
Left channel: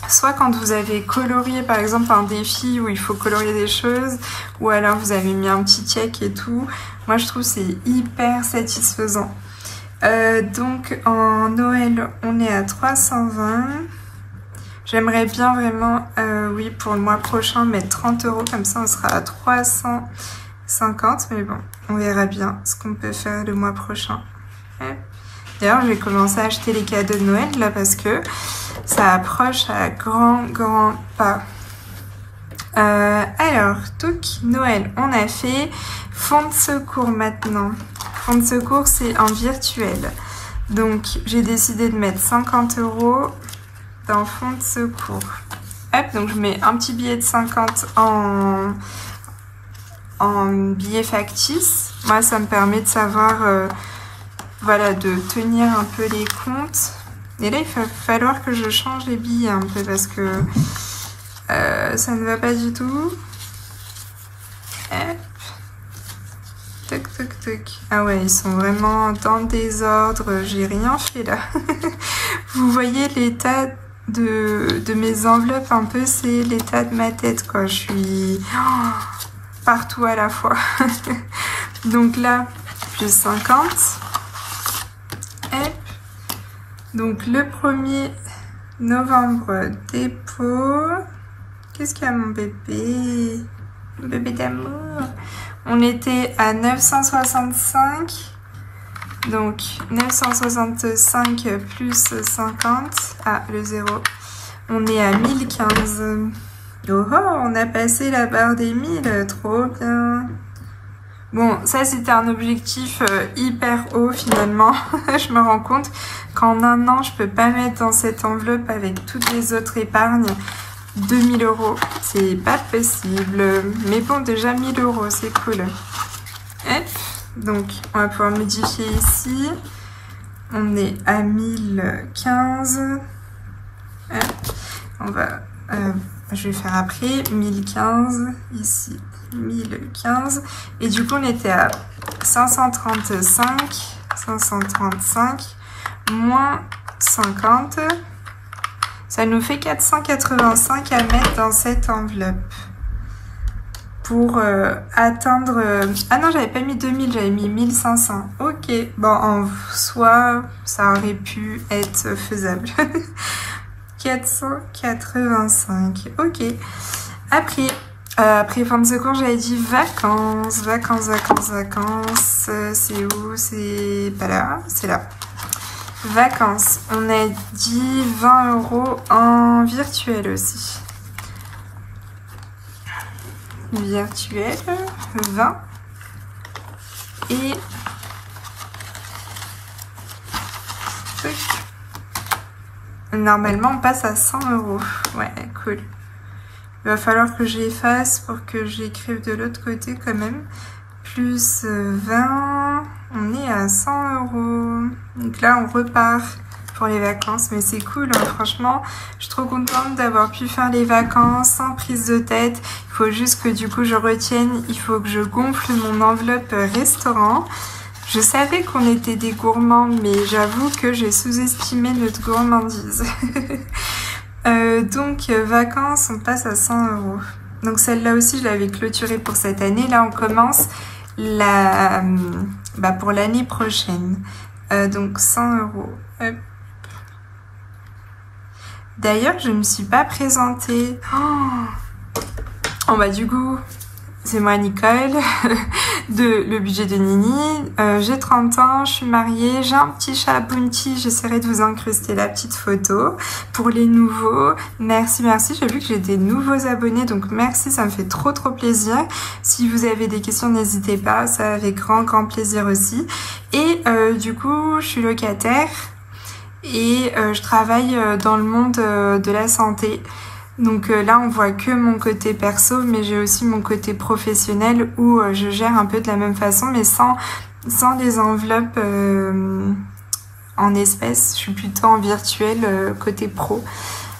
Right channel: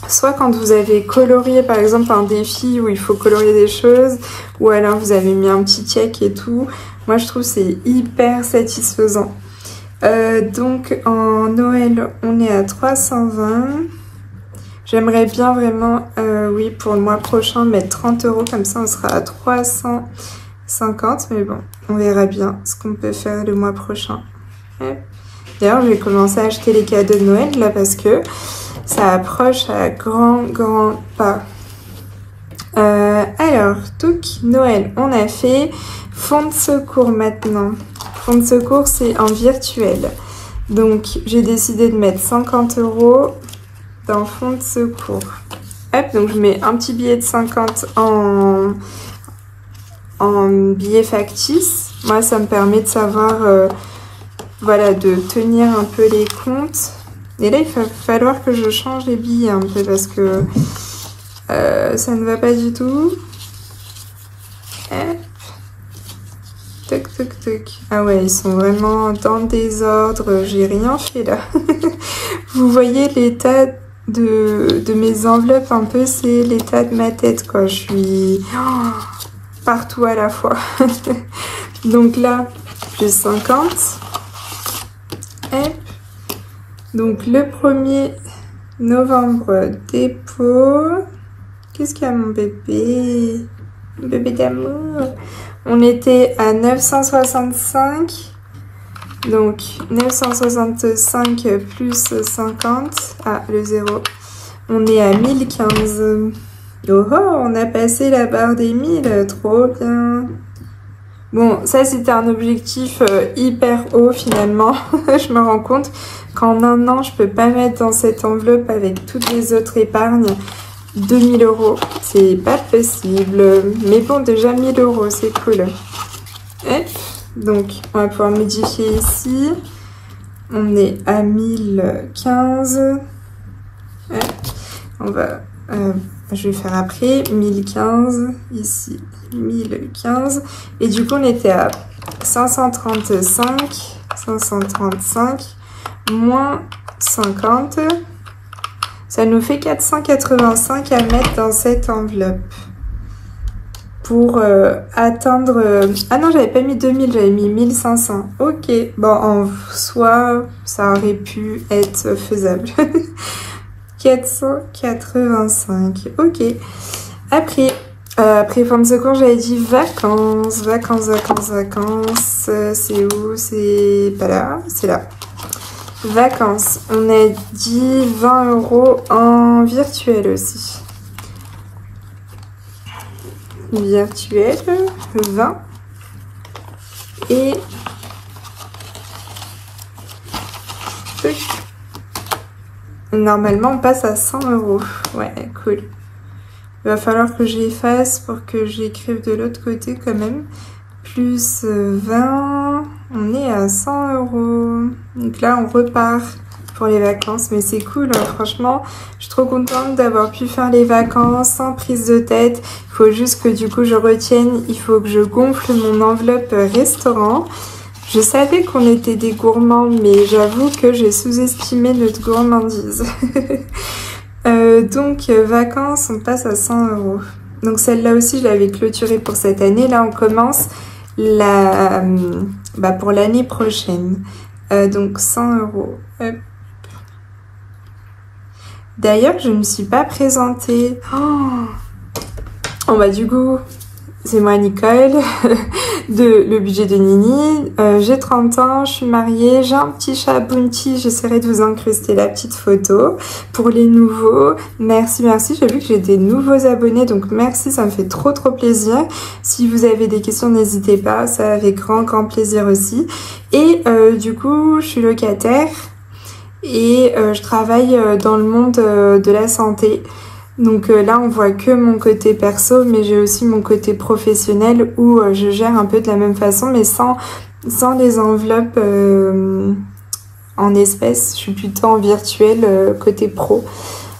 Soit quand vous avez colorié, par exemple, un défi où il faut colorier des choses, ou alors vous avez mis un petit check et tout. Moi, je trouve que c'est hyper satisfaisant. Donc, en Noël, on est à 320. J'aimerais bien vraiment, oui, pour le mois prochain, mettre 30 €. Comme ça, on sera à 350. Mais bon, on verra bien ce qu'on peut faire le mois prochain. D'ailleurs, je vais commencer à acheter les cadeaux de Noël, là, parce que ça approche à grand pas. Alors, touc, Noël, on a fait. Fonds de secours maintenant. Fonds de secours, c'est en virtuel. Donc, j'ai décidé de mettre 50 € dans fonds de secours. Hop, donc je mets un petit billet de 50 en billet factice. Moi, ça me permet de savoir, voilà, de tenir un peu les comptes. Et là, il va falloir que je change les billets un peu parce que ça ne va pas du tout. Hop. Toc, toc, toc. Ah ouais, ils sont vraiment dans le désordre. J'ai rien fait là. Vous voyez l'état de mes enveloppes un peu, c'est l'état de ma tête quoi. Je suis partout à la fois. Donc là, plus 50. Hop. Donc le 1er novembre, dépôt. Qu'est-ce qu'il y a mon bébé? Mon bébé d'amour. On était à 965. Donc 965 plus 50. Ah, le 0. On est à 1015. Oh oh, on a passé la barre des 1000, trop bien. Bon, ça c'était un objectif hyper haut finalement. Je me rends compte qu'en un an, je peux pas mettre dans cette enveloppe avec toutes les autres épargnes 2000 €. C'est pas possible. Mais bon, déjà 1000 €, c'est cool. Hop. Donc, on va pouvoir modifier ici. On est à 1015. Hop. On va... je vais faire après 1015 ici 1015 et du coup on était à 535 moins 50, ça nous fait 485 à mettre dans cette enveloppe pour atteindre... Ah non, j'avais pas mis 2000, j'avais mis 1500. Ok, bon, en soi ça aurait pu être faisable. 485, ok. Après fin de secours, j'avais dit vacances. C'est où? C'est pas là, c'est là. Vacances. On a dit 20 € en virtuel aussi. Virtuel, 20. Et... normalement, on passe à 100 €. Ouais, cool. Il va falloir que j'efface pour que j'écrive de l'autre côté quand même. Plus 20, on est à 100 €. Donc là, on repart pour les vacances. Mais c'est cool, hein. Franchement, je suis trop contente d'avoir pu faire les vacances sans prise de tête. Il faut juste que du coup, je retienne. Il faut que je gonfle mon enveloppe restaurant. Je savais qu'on était des gourmands, mais j'avoue que j'ai sous-estimé notre gourmandise. Donc, vacances, on passe à 100 €. Donc, celle-là aussi, je l'avais clôturée pour cette année. Là, on commence pour l'année prochaine. Donc, 100 €. Hop. D'ailleurs, je ne me suis pas présentée. Oh bah, du coup... c'est moi Nicole, le budget de Nini. J'ai 30 ans, je suis mariée, j'ai un petit chat Bounty, j'essaierai de vous incruster la petite photo. Pour les nouveaux, merci, j'ai vu que j'ai des nouveaux abonnés, donc merci, ça me fait trop plaisir. Si vous avez des questions, n'hésitez pas, ça avec grand plaisir aussi. Et du coup, je suis locataire et je travaille dans le monde de la santé. Donc là, on voit que mon côté perso, mais j'ai aussi mon côté professionnel où je gère un peu de la même façon, mais sans les enveloppes en espèces. Je suis plutôt en virtuel côté pro.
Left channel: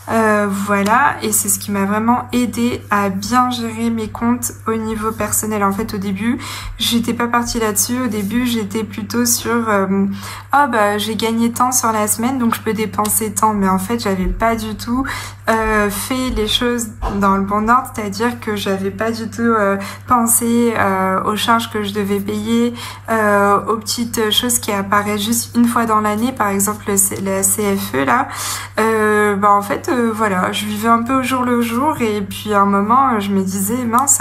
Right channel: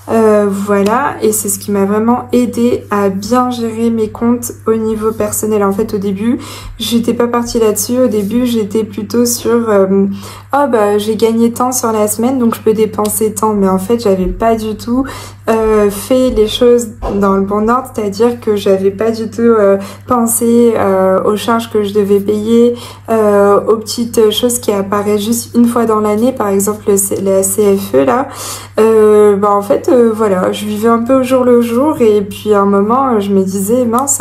Voilà, et c'est ce qui m'a vraiment aidé à bien gérer mes comptes au niveau personnel. En fait, au début, j'étais pas partie là-dessus. Au début, j'étais plutôt sur j'ai gagné tant sur la semaine, donc je peux dépenser tant. Mais en fait, j'avais pas du tout fait les choses dans le bon ordre, c'est-à-dire que j'avais pas du tout pensé aux charges que je devais payer, aux petites choses qui apparaissent juste une fois dans l'année, par exemple la CFE là. En fait, voilà, je vivais un peu au jour le jour et puis à un moment, je me disais, mince,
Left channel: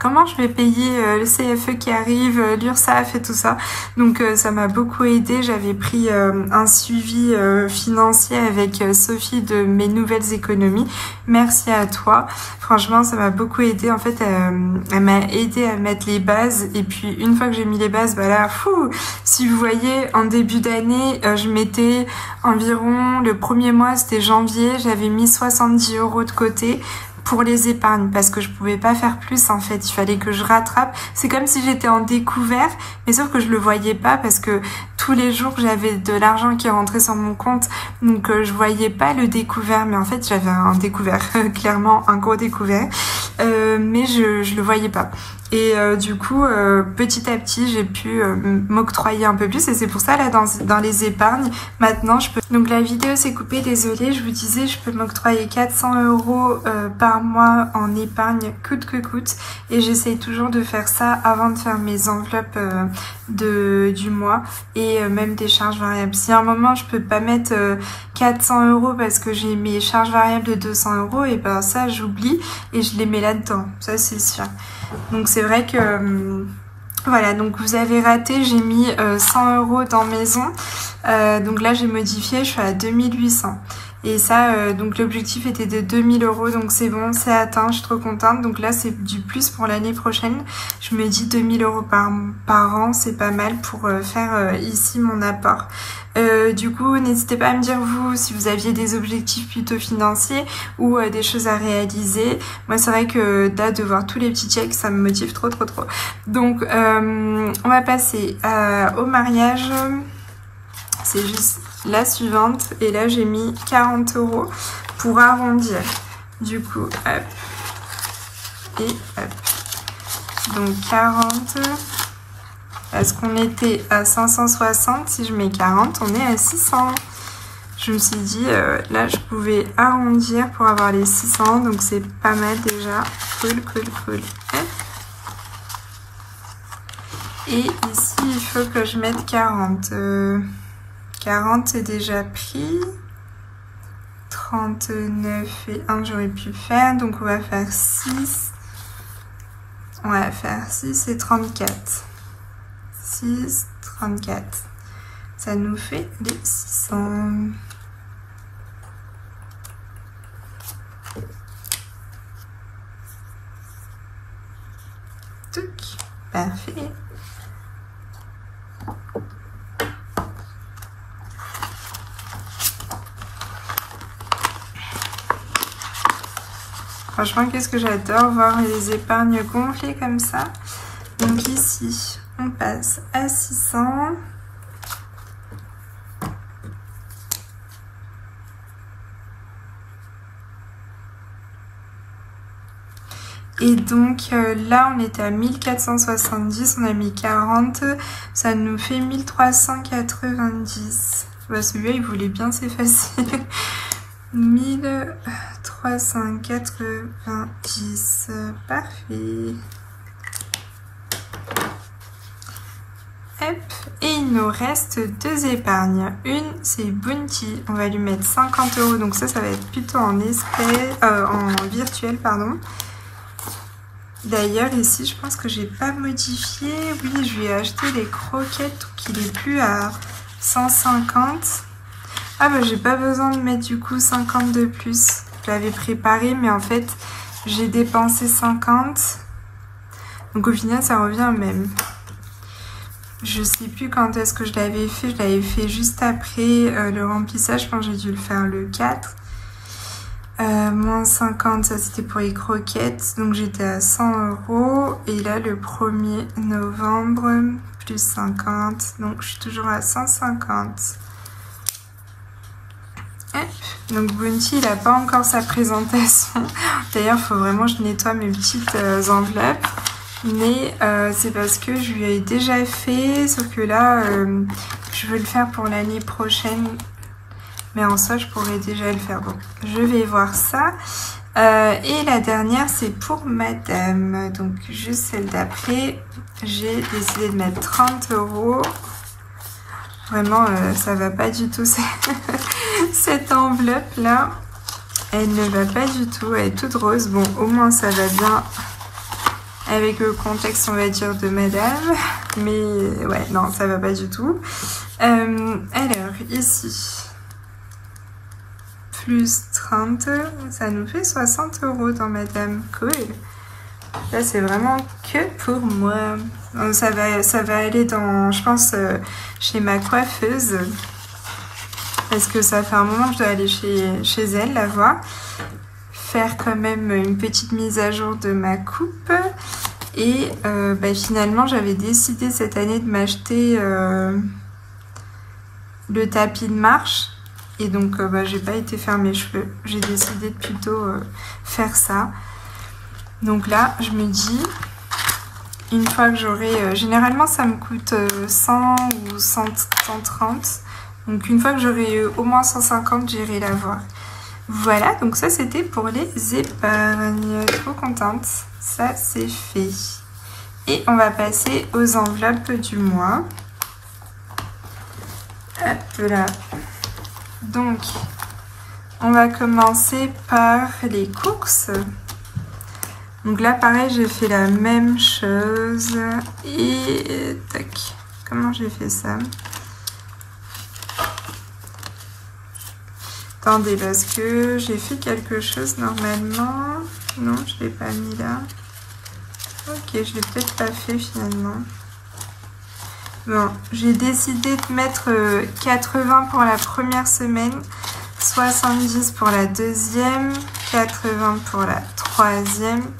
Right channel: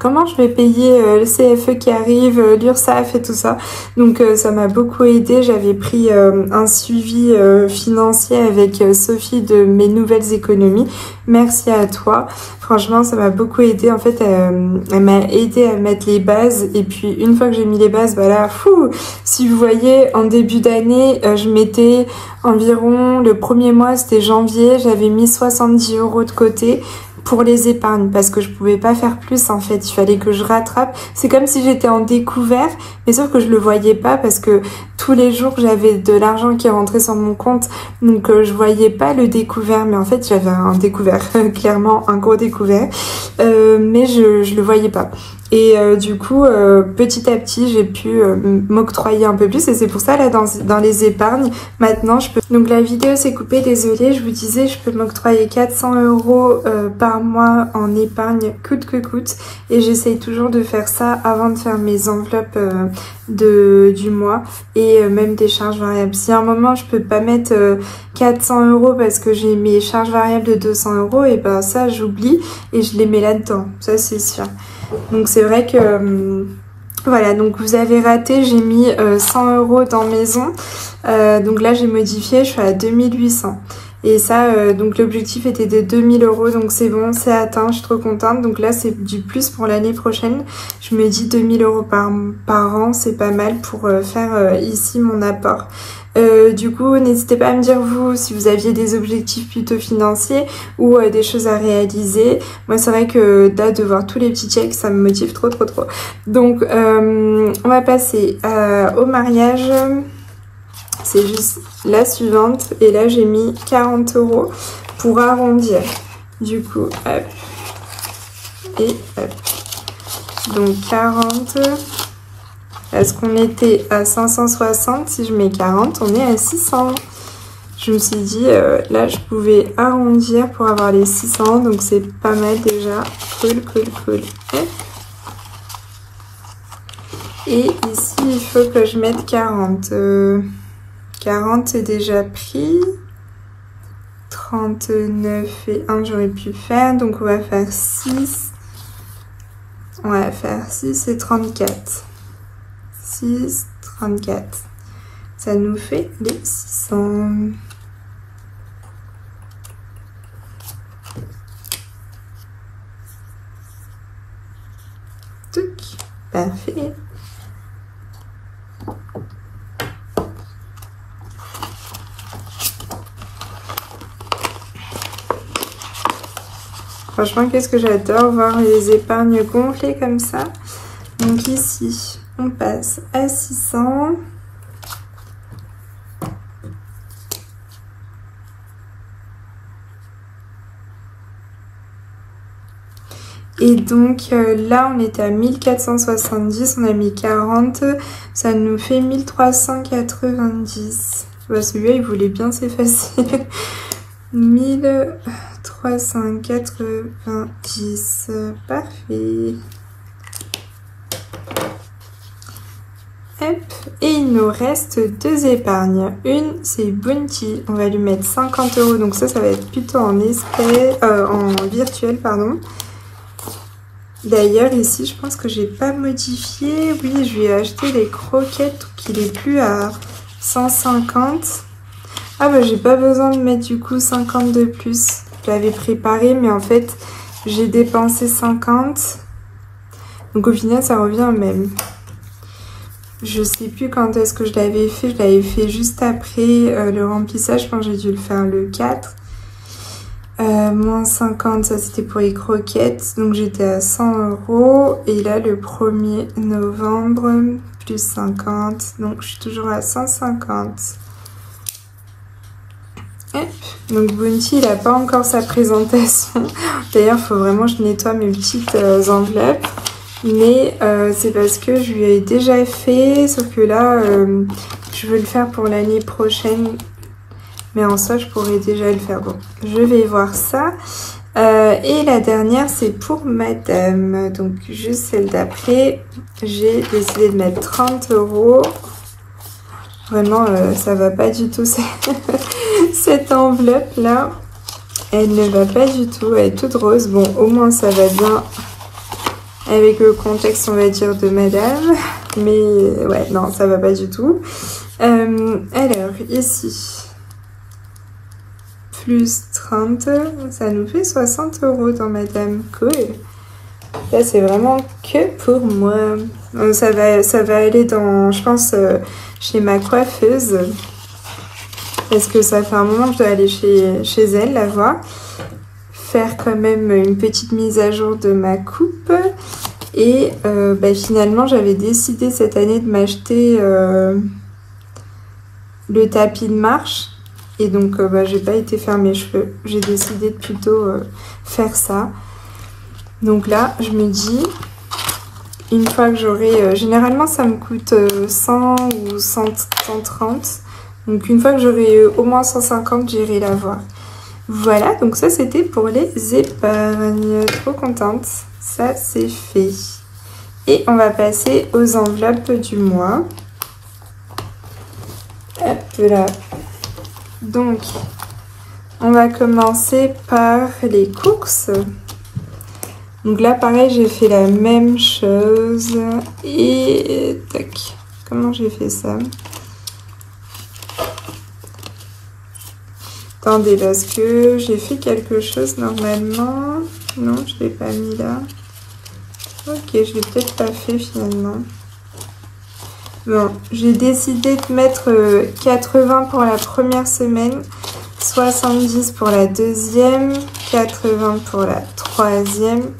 comment je vais payer le CFE qui arrive, l'URSSAF et tout ça. Donc ça m'a beaucoup aidé. J'avais pris un suivi financier avec Sophie de Mes Nouvelles Économies. Merci à toi. Franchement, ça m'a beaucoup aidé. En fait, elle m'a aidé à mettre les bases. Et puis, une fois que j'ai mis les bases, voilà, si vous voyez, en début d'année, je mettais environ, le premier mois, c'était janvier, j'avais mis 70 € de côté pour les épargnes parce que je pouvais pas faire plus en fait, il fallait que je rattrape. C'est comme si j'étais en découvert, mais sauf que je le voyais pas parce que tous les jours j'avais de l'argent qui rentrait sur mon compte, donc je voyais pas le découvert, mais en fait j'avais un découvert, clairement un gros découvert, mais je le voyais pas. Et du coup, petit à petit, j'ai pu m'octroyer un peu plus. Et c'est pour ça, là, dans les épargnes, maintenant, je peux... Donc, la vidéo s'est coupée, désolée. Je vous disais, je peux m'octroyer 400 € par mois en épargne, coûte que coûte. Et j'essaye toujours de faire ça avant de faire mes enveloppes du mois. Et même des charges variables. Si à un moment, je peux pas mettre 400 € parce que j'ai mes charges variables de 200 €, et ben ça, j'oublie et je les mets là-dedans. Ça, c'est sûr. Donc c'est vrai que voilà, donc vous avez raté, j'ai mis 100 € dans maison, donc là j'ai modifié, je suis à 2800. Et ça, donc l'objectif était de 2000 €, donc c'est bon, c'est atteint, je suis trop contente. Donc là, c'est du plus pour l'année prochaine. Je me dis 2000 € par an, c'est pas mal pour faire ici mon apport. Du coup, n'hésitez pas à me dire vous si vous aviez des objectifs plutôt financiers ou des choses à réaliser. Moi, c'est vrai que là, de voir tous les petits checks, ça me motive trop. Donc, on va passer au mariage. C'est juste la suivante. Et là, j'ai mis 40 € pour arrondir. Du coup, hop. Et hop. Donc, 40. Parce qu'on était à 560. Si je mets 40, on est à 600. Je me suis dit, là, je pouvais arrondir pour avoir les 600. Donc, c'est pas mal déjà. Cool. Hop. Et ici, il faut que je mette 40. 40 c'est déjà pris. 39 et 1 j'aurais pu faire. Donc on va faire 6. On va faire 6 et 34. 6, 34. Ça nous fait les 600. Touc. Parfait. Franchement, qu'est-ce que j'adore voir les épargnes gonflées comme ça. Donc ici, on passe à 600. Et donc là, on était à 1470, on a mis 40, ça nous fait 1390. Ouais, celui-là, il voulait bien s'effacer. 1390, parfait. Hop, et il nous reste 2 épargnes. Une, c'est Bounty, on va lui mettre 50 €, donc ça va être plutôt en espèces, en virtuel, pardon. D'ailleurs, ici, je pense que j'ai pas modifié. Oui, je lui ai acheté les croquettes, donc il est plus à 150. Ah bah, j'ai pas besoin de mettre du coup 50 de plus. Je l'avais préparé, mais en fait, j'ai dépensé 50. Donc au final, ça revient au même. Je sais plus quand est-ce que je l'avais fait. Je l'avais fait juste après le remplissage. Je pense que j'ai dû le faire le 4. Moins 50, ça c'était pour les croquettes. Donc j'étais à 100 €. Et là, le 1er novembre, plus 50. Donc je suis toujours à 150. Hop. Donc Bounty, il n'a pas encore sa présentation. D'ailleurs, il faut vraiment que je nettoie mes petites enveloppes. Mais c'est parce que je lui ai déjà fait. Sauf que là, je veux le faire pour l'année prochaine. Mais en soi, je pourrais déjà le faire. Bon, je vais voir ça. Et la dernière, c'est pour madame. Donc, juste celle d'après. J'ai décidé de mettre 30 €. Vraiment, ça va pas du tout. Cette enveloppe-là, elle ne va pas du tout. Elle est toute rose. Bon, au moins, ça va bien avec le contexte, on va dire, de madame. Mais, ouais, non, ça va pas du tout. Alors, ici... plus 30, ça nous fait 60 € dans madame. Cool. Ça, c'est vraiment que pour moi. Donc, ça va aller dans, je pense, chez ma coiffeuse. Parce que ça fait un moment que je dois aller chez elle, la voir. Faire quand même une petite mise à jour de ma coupe. Et bah, finalement, j'avais décidé cette année de m'acheter le tapis de marche. Et donc, bah, j'ai pas été faire mes cheveux. J'ai décidé de plutôt faire ça. Donc là, je me dis, une fois que j'aurai... généralement, ça me coûte 100 ou 130. Donc, une fois que j'aurai au moins 150, j'irai la voir. Voilà, donc ça, c'était pour les épargnes. Trop contente. Ça, c'est fait. Et on va passer aux enveloppes du mois. Hop là. Donc, on va commencer par les courses. Donc là, pareil, j'ai fait la même chose. Et tac, comment j'ai fait ça? Attendez, parce que j'ai fait quelque chose normalement. Non, je l'ai pas mis là. Ok, je l'ai peut-être pas fait finalement. Bon, j'ai décidé de mettre 80 pour la première semaine, 70 pour la deuxième, 80 pour la troisième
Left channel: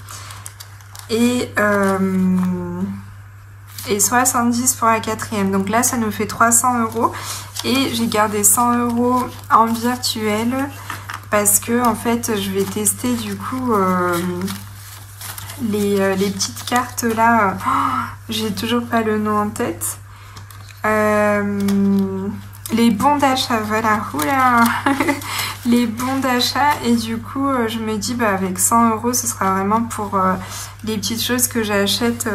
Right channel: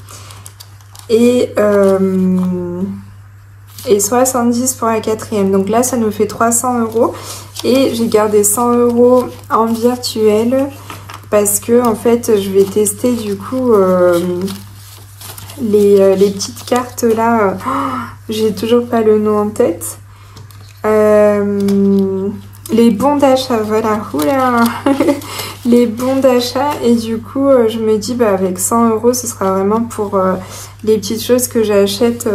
et 70 pour la quatrième. Donc là, ça nous fait 300 € et j'ai gardé 100 € en virtuel parce que en fait, je vais tester du coup les petites cartes là. J'ai toujours pas le nom en tête. Les bons d'achat, voilà, oula, les bons d'achat, et du coup je me dis bah avec 100 € ce sera vraiment pour les petites choses que j'achète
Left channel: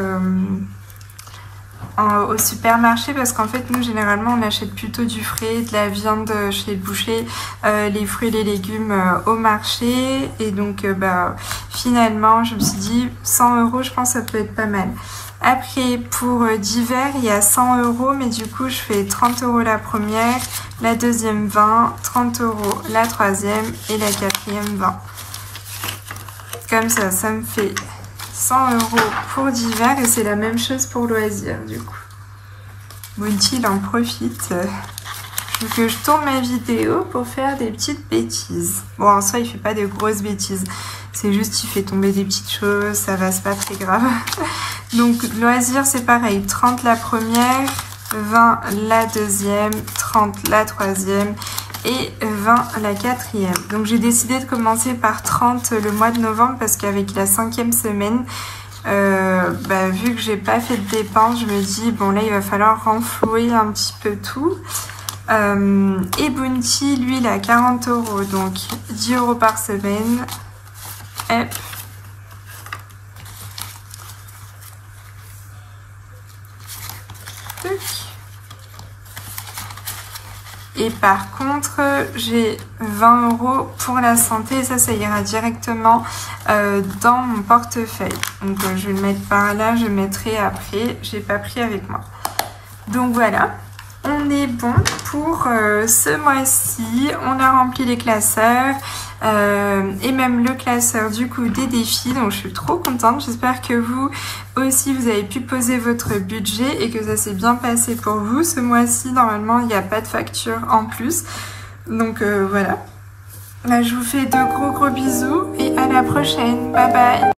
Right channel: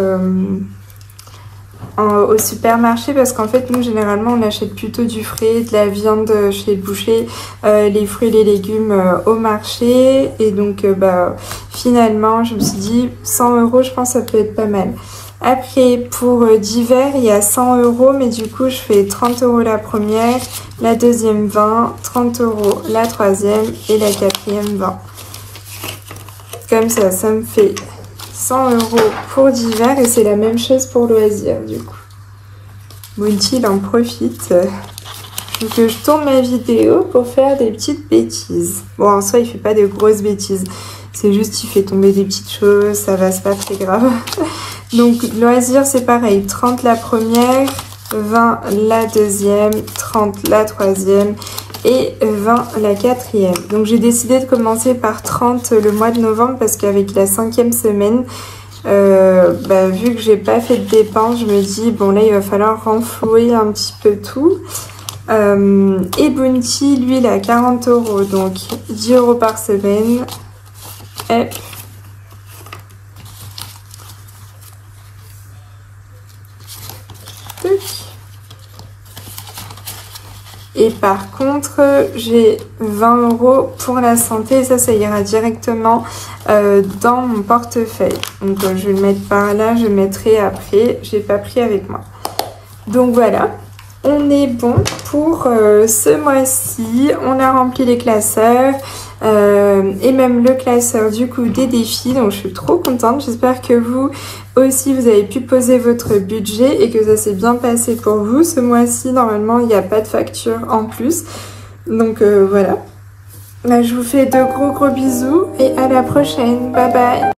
au supermarché, parce qu'en fait nous généralement on achète plutôt du frais, de la viande chez le boucher, les fruits et les légumes au marché, et donc bah finalement je me suis dit 100 € je pense que ça peut être pas mal. Après, pour d'hiver, il y a 100 €, mais du coup, je fais 30 € la première, la deuxième 20, 30 € la troisième et la quatrième 20. Comme ça me fait 100 € pour d'hiver et c'est la même chose pour loisirs, du coup. Bounty, il en profite. Que je tourne ma vidéo pour faire des petites bêtises. Bon, en soi, il fait pas de grosses bêtises. C'est juste, il fait tomber des petites choses, ça va, c'est pas très grave. Donc, loisirs, c'est pareil. 30 la première, 20 la deuxième, 30 la troisième et 20 la quatrième. Donc, j'ai décidé de commencer par 30 le mois de novembre parce qu'avec la 5e semaine, vu que j'ai pas fait de dépenses, je me dis, bon là, il va falloir renflouer un petit peu tout. Et Bounty, lui, il a 40 €, donc 10 € par semaine. Hop. Et par contre, j'ai 20 € pour la santé, et ça ira directement dans mon portefeuille. Donc je vais le mettre par là, je le mettrai après, j'ai pas pris avec moi. Donc voilà. On est bon pour ce mois-ci, on a rempli les classeurs et même le classeur du coup des défis, donc je suis trop contente. J'espère que vous aussi vous avez pu poser votre budget et que ça s'est bien passé pour vous. Ce mois-ci normalement il n'y a pas de facture en plus, donc voilà. Là, je vous fais de gros bisous et à la prochaine, bye bye.